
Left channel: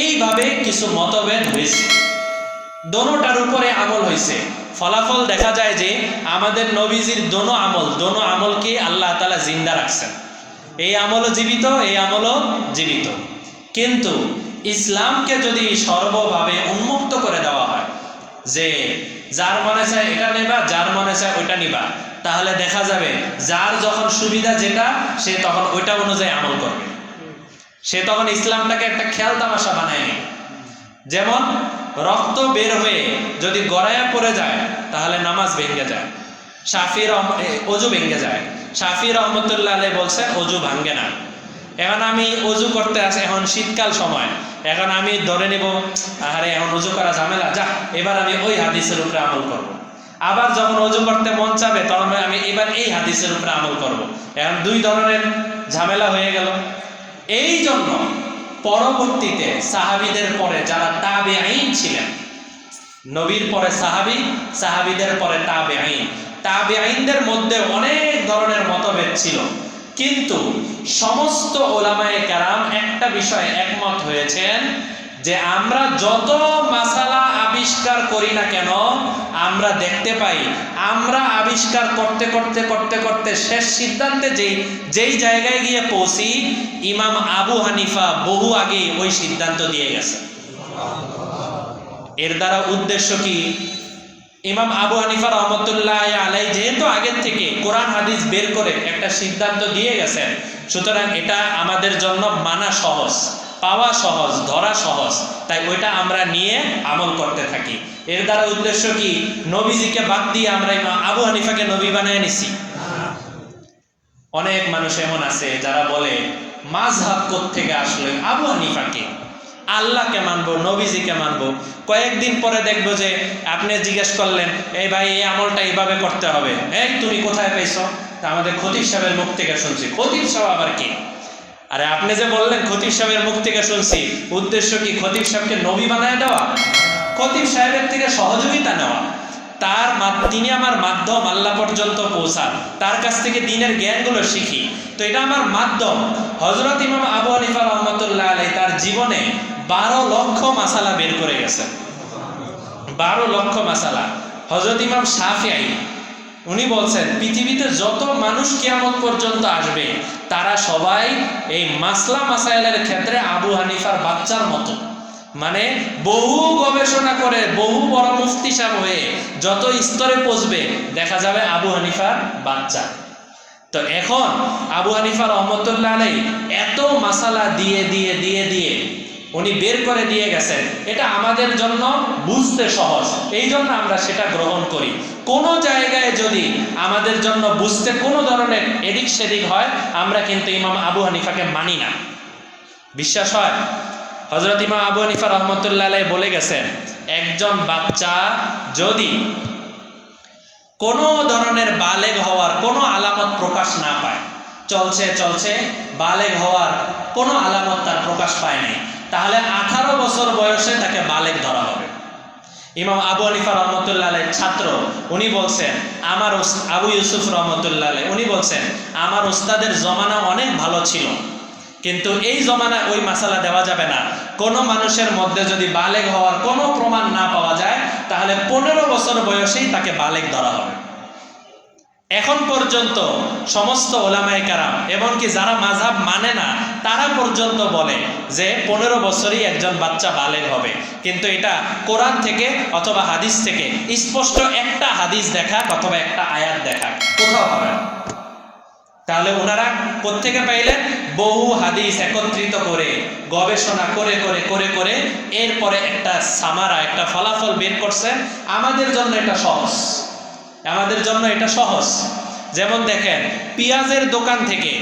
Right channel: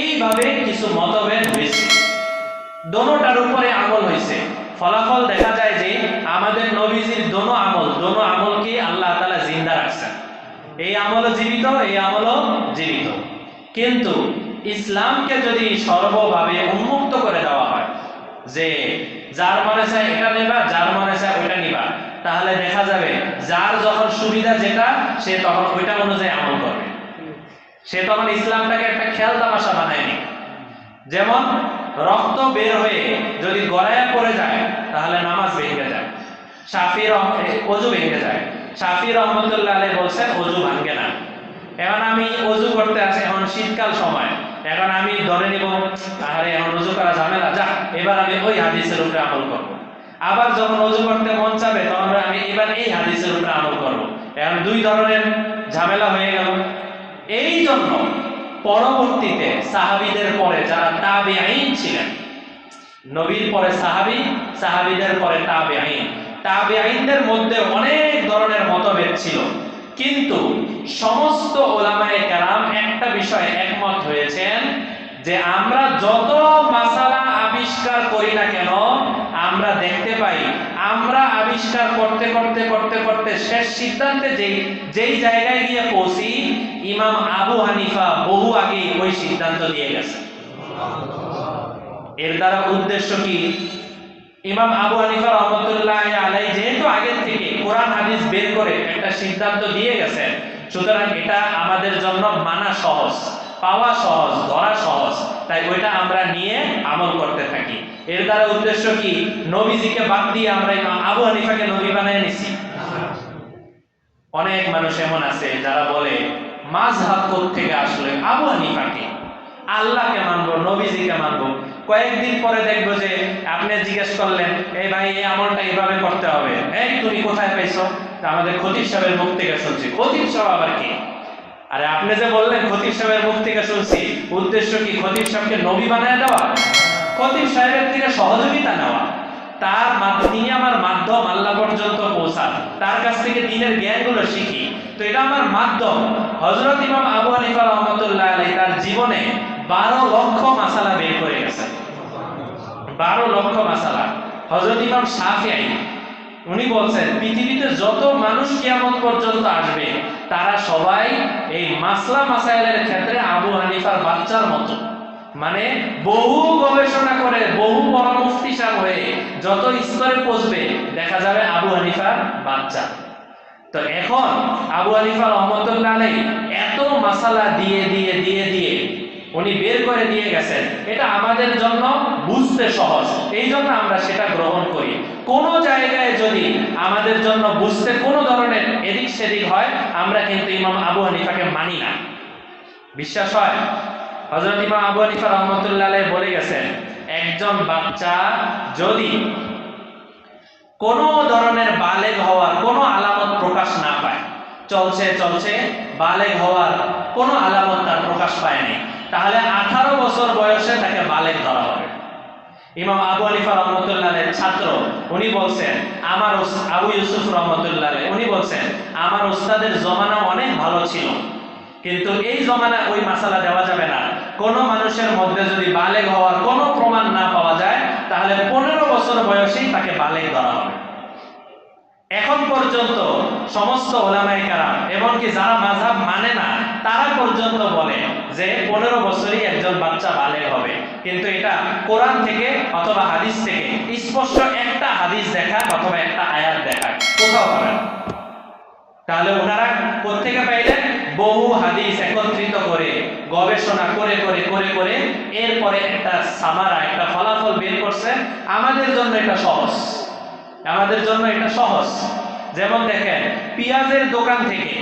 এইভাবে কিছু মতভেদ হয়েছে, দোনোটার উপরে আমল হয়েছে। ফলাফল দেখা যায় যে আমাদের নবীজির দোনো আমলকে আল্লাহ তাআলা জিন্দা রাখছেন। এই আমলও জীবিত, এই আমলও জীবিত। কিন্তু ইসলামকে যদি সর্বভাবে উন্মুক্ত করে দেওয়া হয় যে যার মনে চায় এটা নেবা, যার মনে চায় ওইটা নিবা, তাহলে দেখা যাবে যার যখন সুবিধা যেটা সে তখন ওইটা অনুযায়ী আমল করবে। সে তখন ইসলামটাকে একটা খেয়াল তামাশা বানায়নি। যেমন রক্ত বের হয়ে যদি গড়ায়া পড়ে যায় তাহলে নামাজ ভেঙে যায়, ওযু ভেঙে যায়। শাফি রহমতুল্লাহ আলাইহি বলছেন ওযু ভাঙে না। এখন আমি ওযু করতে আসি, এখন শীতকাল সময়, এখন আমি ধরে নেব আরে এখন ওযু করা ঝামেলা, যা এবার আমি ওই হাদিসের উপরে আমল করব। আবার যখন ওযু করতে মন চাবে তখন আমি এবার এই হাদিসের উপরে আমল করব। এখন দুই ধরনের ঝামেলা হয়ে গেল। এই জন্য পরবর্তীতে সাহাবীদের পরে যারা তাবেঈন ছিলেন, নবীর পরে সাহাবী, সাহাবীদের পরে তাবেঈন, তাবেঈনদের মধ্যে অনেক ধরনের মতভেদ ছিল, কিন্তু সমস্ত ওলামায়ে কেরাম একটা বিষয়ে একমত হয়েছেন যে আমরা যত মাসালা আবিষ্কার করি না কেন, আমরা দেখতে পাই আমরা আবিষ্কার করতে করতে করতে করতে শেষ সিদ্ধান্তে যেই জায়গায় গিয়ে পৌঁছি, ইমাম আবু হানিফা বহু আগেই ওই সিদ্ধান্ত দিয়ে গেছে। এর দ্বারা উদ্দেশ্য কি? ইমাম আবু হানিফা রহমতুল্লাহ আলাইহি যেহেতু আগের থেকে কোরআন হাদিস বের করে একটা সিদ্ধান্ত দিয়ে গেছেন, সুতরাং এটা আমাদের জন্য মানা সহজ, পাওয়া সহজ, ধরা সহজ, তাই ওইটা আমরা নিয়ে আমল করতে থাকি। এর দ্বারা উদ্দেশ্য কি? নবীজিকে বাদ দিয়ে আমরা ইমাম আবু হানিফাকে নবী বানিয়ে নিছি। অনেক মানুষ এমন আছে যারা বলে মাযহাব কোত্থেকে আসলো, আবু হানিফাকে, আল্লাহকে মানবো, নবীজিকে মানবো। কয়েকদিন পরে দেখবো যে আপনি জিজ্ঞেস করলেন এই ভাই এই আমলটা এইভাবে করতে হবে, এই তুমি কোথায় পেয়েছো? তা আমাদের খতিব সাহেবের মুখ থেকে শুনছি। খতিব সাহেব আবার কি? আরে আপনি যে বললেন খতিব সাহেবের মুখ থেকে শুনছি, উদ্দেশ্য কি খতিব সাহেবকে নবী বানায় দেওয়া? খতিব সাহেবের থেকে সহযোগিতা নেওয়া। তিনি আমার মাধ্যম আল্লাহ পর্যন্ত পৌঁছান, তার কাছ থেকে দ্বীনের জ্ঞানগুলো শিখি। তো এটা আমার মাধ্যম। হযরত ইমাম আবু হানিফা রাহমাতুল্লাহ আলাইহি তার জীবনে 12 লক্ষ মাসালা বের করে গেছেন। 12 লক্ষ মাসালা। হযরত ইমাম শাফিঈ উনি বলছেন পৃথিবীতে যত মানুষ কিয়ামত পর্যন্ত আসবে তারা সবাই এই মাসলা মাসাইলের ক্ষেত্রে আবু হানিফার বাচ্চার মতো, মানে বহু গবেষণা করে বহু বড় মুফতি সাহেব হয়ে যত স্তরে পৌঁছবে দেখা যাবে আবু হানিফার বাচ্চা। তো এখন আবু হানিফা রাহমাতুল্লাহ আলাইহি এত মাসালা দিয়ে দিয়ে দিয়ে দিয়ে উনি বের করে দিয়ে গেছেন, এটা আমাদের জন্য বুঝতে সহজ, এই জন্য আমরা সেটা গ্রহণ করি। কোন জায়গায় যদি আমাদের জন্য বুঝতে কোনো ধরনের এদিক সেদিক হয় আমরা কিন্তু ইমাম আবু হানিফাকে মানি না। বিশ্বাস হয়? হযরত ইমাম আবু হানিফা রাহমাতুল্লাহ আলাইহি বলে গেছেন, একজন বাচ্চা যদি কোনো ধরনের বালেগ হওয়ার কোনো আলামত প্রকাশ না পায়, চলছে চলছে বালেগ হওয়ার কোনো আলামত তার প্রকাশ পায় নাই, তাহলে 18 বছর বয়সে তাকে বালেগ ধরা হবে। ইমাম আবু হানিফা রাহমাতুল্লাহ আলাইহির ছাত্র উনি বলছেন, আমার আবু ইউসুফ রাহমাতুল্লাহ আলাইহি উনি বলছেন, আমার ওস্তাদের জমানা অনেক ভালো ছিল, কিন্তু এই জমানায় ওই মাসালা দেওয়া যাবে না। কোনো মানুষের মধ্যে যদি বালেগ হওয়ার কোনো প্রমাণ না পাওয়া যায় তাহলে 15 বছর বয়সেই তাকে বালেগ ধরা হবে। এখন পর্যন্ত সমস্ত ওলামায়ে কেরাম এমনকি যারা মাযহাব মানে না তারা পর্যন্ত বলে যে 15 বছরই একজন বাচ্চা বালেগ হবে, কিন্তু এটা কোরআন থেকে অথবা হাদিস থেকে স্পষ্ট একটা হাদিস দেখা অথবা একটা আয়াত দেখা কোথাও হবে না। তাহলে ওনারা কোত্থেকে পাইলেন? বহু হাদিস একত্রিত করে গবেষণা করে করে করে করে এরপরে একটা সামারা একটা ফলাফল বের করছেন। আমাদের জন্য এটা সহজ, আমাদের জন্য এটা সহজ। যেমন দেখেন, পেঁয়াজের দোকান থেকে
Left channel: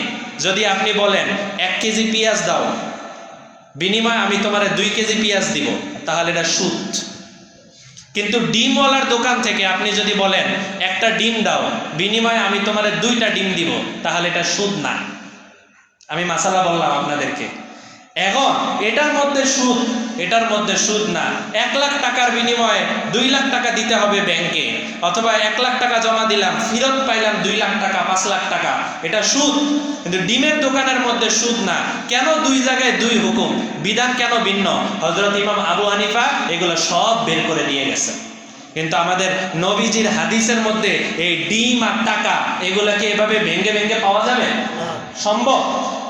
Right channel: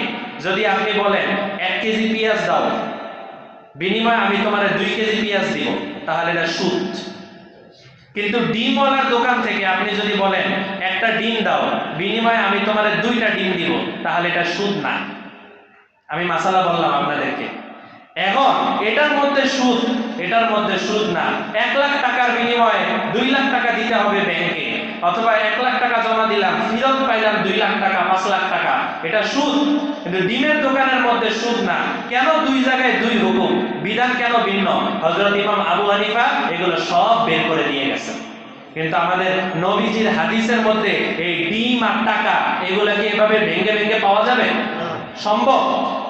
যদি আপনি বলেন 1 কেজি পেঁয়াজ দাও, বিনিময়ে আমি তোমার 2 কেজি পেঁয়াজ দিব, তাহলে এটা সুদ। কিন্তু ডিমওয়ালার দোকান থেকে আপনি যদি বলেন একটা ডিম দাও, বিনিময়ে আমি তোমার 2টা ডিম দিব, তাহলে এটা সুদ না। আমি মাসালা বললাম আপনাদেরকে। এখন এটার মধ্যে সুদ, এটার মধ্যে সুদ না। 1 লাখ টাকার বিনিময়ে 2 লাখ টাকা দিতে হবে ব্যাংকে, অথবা 1 লাখ টাকা জমা দিলাম ফেরত পাইলাম 2 লাখ টাকা 5 লাখ টাকা, এটা সুদ। কিন্তু ডিমের দোকানের মধ্যে সুদ না। কেন 2 জায়গায় 2 হুকুম, বিধান কেন ভিন্ন? হযরত ইমাম আবু হানিফা এগুলো সব বের করে দিয়ে গেছেন। কিন্তু আমাদের নবীজির হাদিসের মধ্যে এই ডিম আর টাকা এগুলোকে এভাবে ভেঙে ভেঙে পাওয়া যাবে? সম্ভব?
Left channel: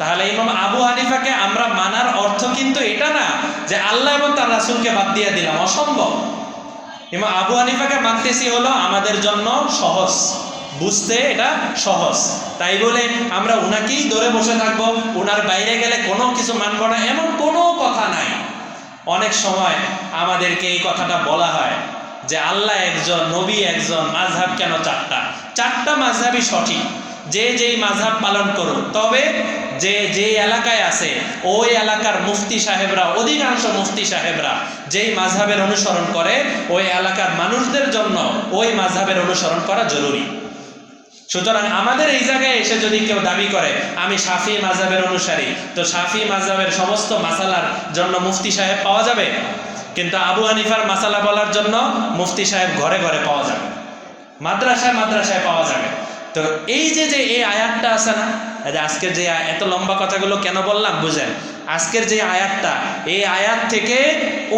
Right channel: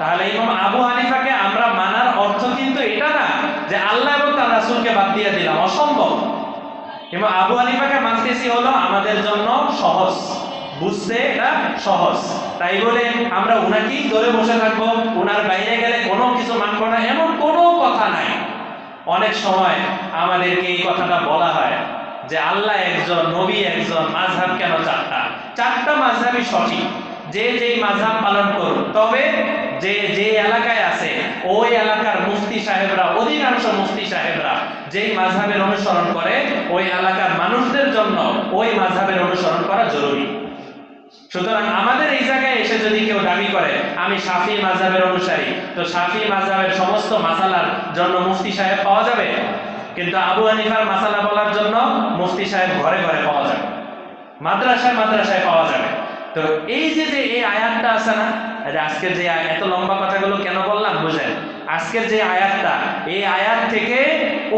তাহলে ইমাম আবু হানিফাকে আমরা মানার অর্থ কিন্তু এটা না যে আল্লাহ এবং তার রাসূলকে বাদ দিয়ে দিলাম, অসম্ভব। ইমাম আবু হানিফাকে মানতেছি হলো আমাদের জন্য সহজ, বুঝতে এটা সহজ, তাই বলে আমরা উনাকেই ধরে বসে থাকবো, উনার বাইরে গেলে কোনো কিছু মানবো না, এমন কোনো কথা নাই। অনেক সময় আমাদেরকে এই কথাটা বলা হয় যে আল্লাহ একজন, নবী একজন, মাযহাব কেন 4টা? 4টা মাযহাবই সঠিক, যে যেই মাযহাব পালন করুন, তবে যে যে এলাকায় আছে ওই এলাকার মুফতি সাহেবরা, অধিকাংশ মুফতি সাহেবরা যেই মাযহাবের অনুসরণ করে ওই এলাকার মানুষদের জন্য ওই মাযহাবের অনুসরণ করা জরুরি। সুতরাং আমাদের এই জায়গায় এসে যদি কেউ দাবি করে আমি শাফি মাযহাবের অনুসারী, তো শাফি মাযহাবের সমস্ত মাসালার জন্য মুফতি সাহেব পাওয়া যাবে, কিন্তু আবু হানিফার মাসালা বলার জন্য মুফতি সাহেব ঘরে ঘরে পাওয়া যাবে, মাদ্রাসায় মাদ্রাসায় পাওয়া যাবে। তো এই যে যে এই আয়াতটা আছে না, আজকের যে এত লম্বা কথাগুলো কেন বললাম বুঝেন? আজকের যে আয়াতটা, এই আয়াত থেকে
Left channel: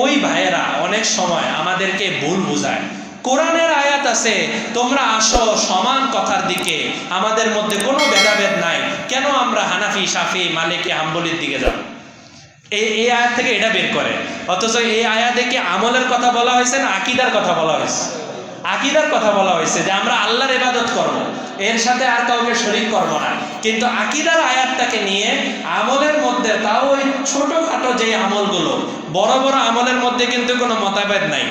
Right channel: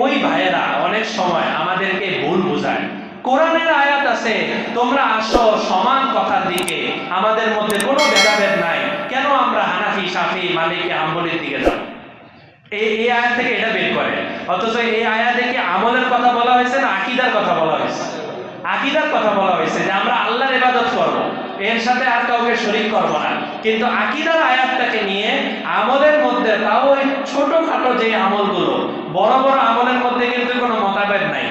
ওই ভাইয়েরা অনেক সময় আমাদেরকে ভুল বোঝায়। কোরআনের আয়াত আছে তোমরা আসো সমান কথার দিকে, আমাদের মধ্যে কোনো ভেদাভেদ নাই, কেন আমরা হানাফি শাফি মালিকি হাম্বলির দিকে যাব? এই আয়াত থেকে এটা বের করে। অথচ এই আয়াতে কি আমলের কথা বলা হয়েছে না আকীদার কথা বলা হয়েছে? আকীদার কথা বলা হয়েছে যে আমরা আল্লাহর ইবাদত করব, এর সাথে আর কাউকে শরীক করব না। কিন্তু আকীদার আয়াতটাকে নিয়ে আমলের মধ্যে, তাও ওই ছোটখাটো যে আমলগুলো, বড় বড় আমলের মধ্যে কিন্তু কোনো মতভেদ নাই,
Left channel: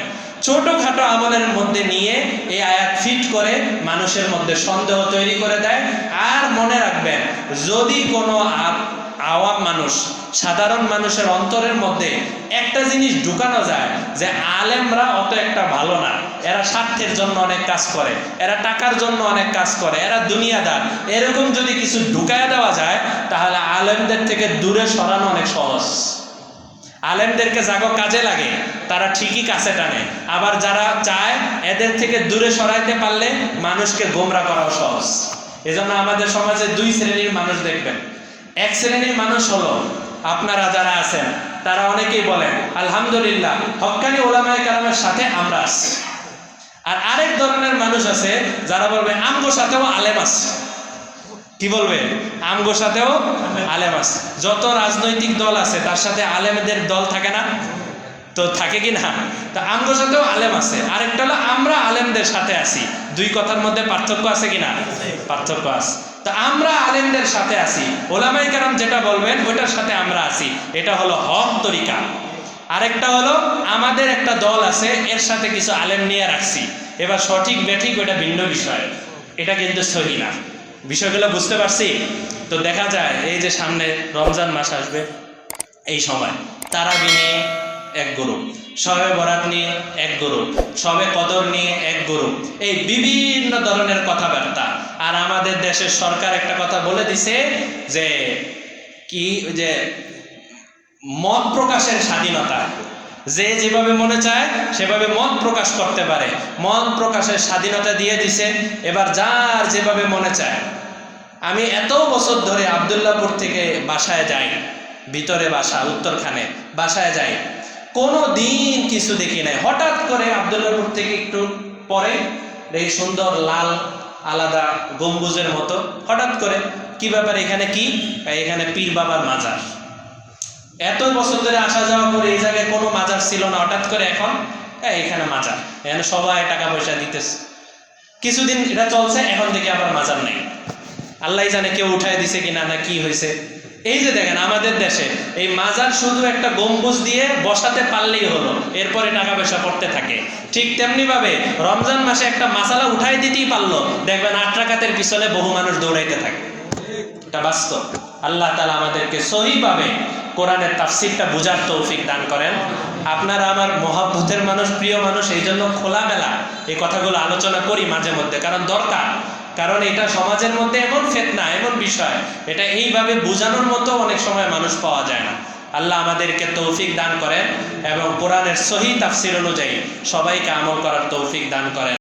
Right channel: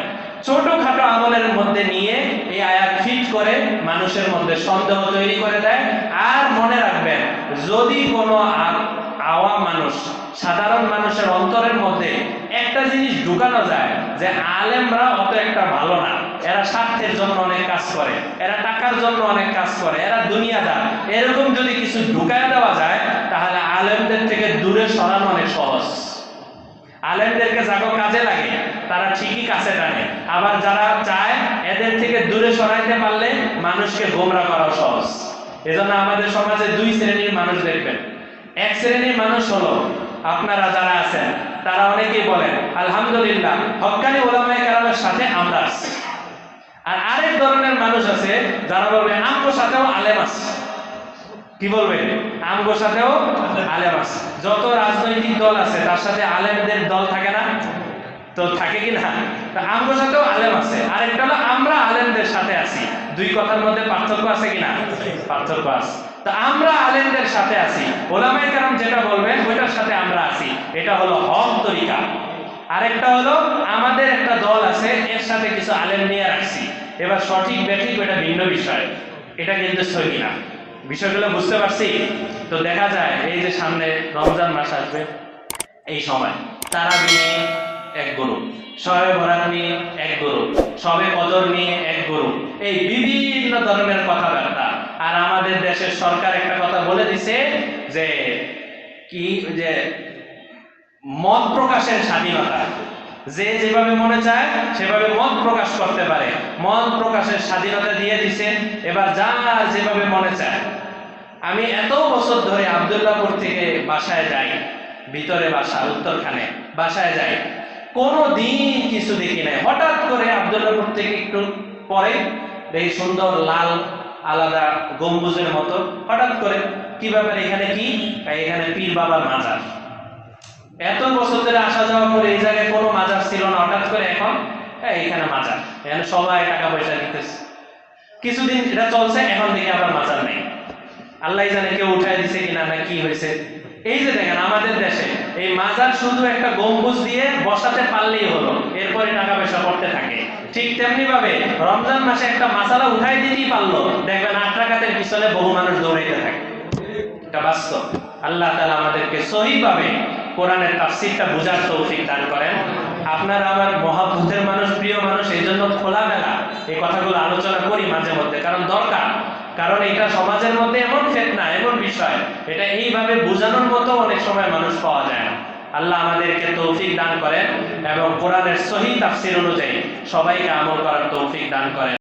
ছোটখাটো আমলের মধ্যে নিয়ে এই আয়াত ফিট করে মানুষের মধ্যে সন্দেহ তৈরি করে দেয়। আর মনে রাখবেন, যদি কোনো আওয়াম মানুষ, সাধারণ মানুষের অন্তরের মধ্যে একটা জিনিস ঢুকানো যায় যে আলেমরা অত একটা ভালো না, এরা স্বার্থের জন্য অনেক কাজ করে, এরা টাকার জন্য অনেক কাজ করে, এরা দুনিয়াদার, এরকম যদি কিছু ঢুকায় দেওয়া যায় তাহলে আলেমদের থেকে দূরে সরানো অনেক সহজ। আলেমদেরকে যারা কাজে লাগে তারা ঠিকই কাছে টানে, আবার যারা চায় এদের থেকে দূরে সরাইতে পারলে মানুষকে গোমরা করা সহজ। এজন্য আমাদের সমাজে দুই শ্রেণীর মানুষ দেখবেন। এক শ্রেণীর মানুষ হলো আপনারা যারা আছেন তারা অনেকেই বলেন আলহামদুলিল্লাহ হক্কানি ওলামায়ে কেরামের সাথে আমরা আছি। আর আরেক ধরনের মানুষ আছে যারা বলবে আমগো সাথেও আলেম আছে। কি বলবে? আমগো সাথেও আলেম আছে। যত রাজনৈতিক দল আছে তার সাথে আলেমদের দল থাকে না? তো থাকে কি না? তো আমগো সাথেও আলেম আছে। আরেকটা হলো আমরা আলেমদের সাথে আছি। দুই কথার মধ্যে পার্থক্য আছে কি না? পার্থক্য আছে। তো আমরা আলেমদের সাথে আছি, ওলামায়ে কেরাম যেটা বলবেন ওটার সাথে আমরা আছি, এটা হলো হক তরিকা। আরেকটা হলো আমাদের একটা দল আছে, এর সাথে কিছু আলেম নিয়ে রাখছি, এবার সঠিক বেঠিক ওটা ভিন্ন বিষয়, এটা কিন্তু সহি না। বিষয়গুলো বুঝতে পারছি? তো দেখা যায় এই যে সামনে রমজান মাস আসবে, এই সময় তারাবি নিয়ে এক গ্রুপ, শবে বরাত নিয়ে এক গ্রুপ, শবে কদর নিয়ে এক গ্রুপ, এই বিভিন্ন ধরনের কথাবার্তা। আর আমাদের দেশের সরকার একটা কথা বলে দিছে যে কি, যে মত প্রকাশের স্বাধীনতা, যে যেভাবে মনে চায় সেভাবে মত প্রকাশ করতে পারে, মত প্রকাশের স্বাধীনতা দিয়ে দিছে। এবার যার যেভাবে মনে চায়। আমি এত বছর ধরে আব্দুল্লাহপুর থেকে বাসায় যাই, ভিতরে বাসা উত্তরখানে, বাসায় যাই, কোনো দিন কিছু দেখি নাই। হঠাৎ করে আব্দুল্লাহপুর থেকে একটু পরে এই সুন্দর লাল আলাদা গম্বুজের মতো, হঠাৎ করে কি ব্যাপার, এখানে কি? এখানে পীর বাবার মাজার। এত বছর ধরে আসা যাওয়া করে এই জায়গায় কোনো মাজার ছিল না, হঠাৎ করে এখন এখানে মাজার, এখানে সবাই টাকা পয়সা দিতেছে। কিছুদিন এটা চলছে, এখন দেখি আবার মাজার নেই। আল্লাহ জানে কেউ উঠায় দিছে কিনা, না কি হয়েছে। এই যে দেখেন আমাদের দেশে এই মাজার শুধু একটা গম্বুজ দিয়ে বসাতে পারলেই হলো, এরপরে টাকা পয়সা পড়তে থাকে। ঠিক তেমনি ভাবে রমজান মাসে একটা মাসালা উঠাই দিতেই পারলো, দেখবেন 8 রাকাতের পিছনে বহু মানুষ দৌড়াইতে থাকে। এটা বাস্তব। আল্লাহ তাআলা আমাদেরকে সহিভাবে কোরআনের তাফসীরটা বোঝার তৌফিক দান করেন। আপনারা আমার মহাব্বতের মানুষ, প্রিয় মানুষ, এই জন্য খোলামেলা এই কথাগুলো আলোচনা করি মাঝে মধ্যে, কারণ দরকার। কারণ এটা সমাজের মধ্যে এমন ফিতনা, এমন বিষয়, এটা এইভাবে বোঝানোর মতো অনেক সময় মানুষ পাওয়া যায় না। আল্লাহ আমাদেরকে তৌফিক দান করেন এবং কোরআনের সহি তাফসীর অনুযায়ী সবাইকে আমল করার তৌফিক দান করেন।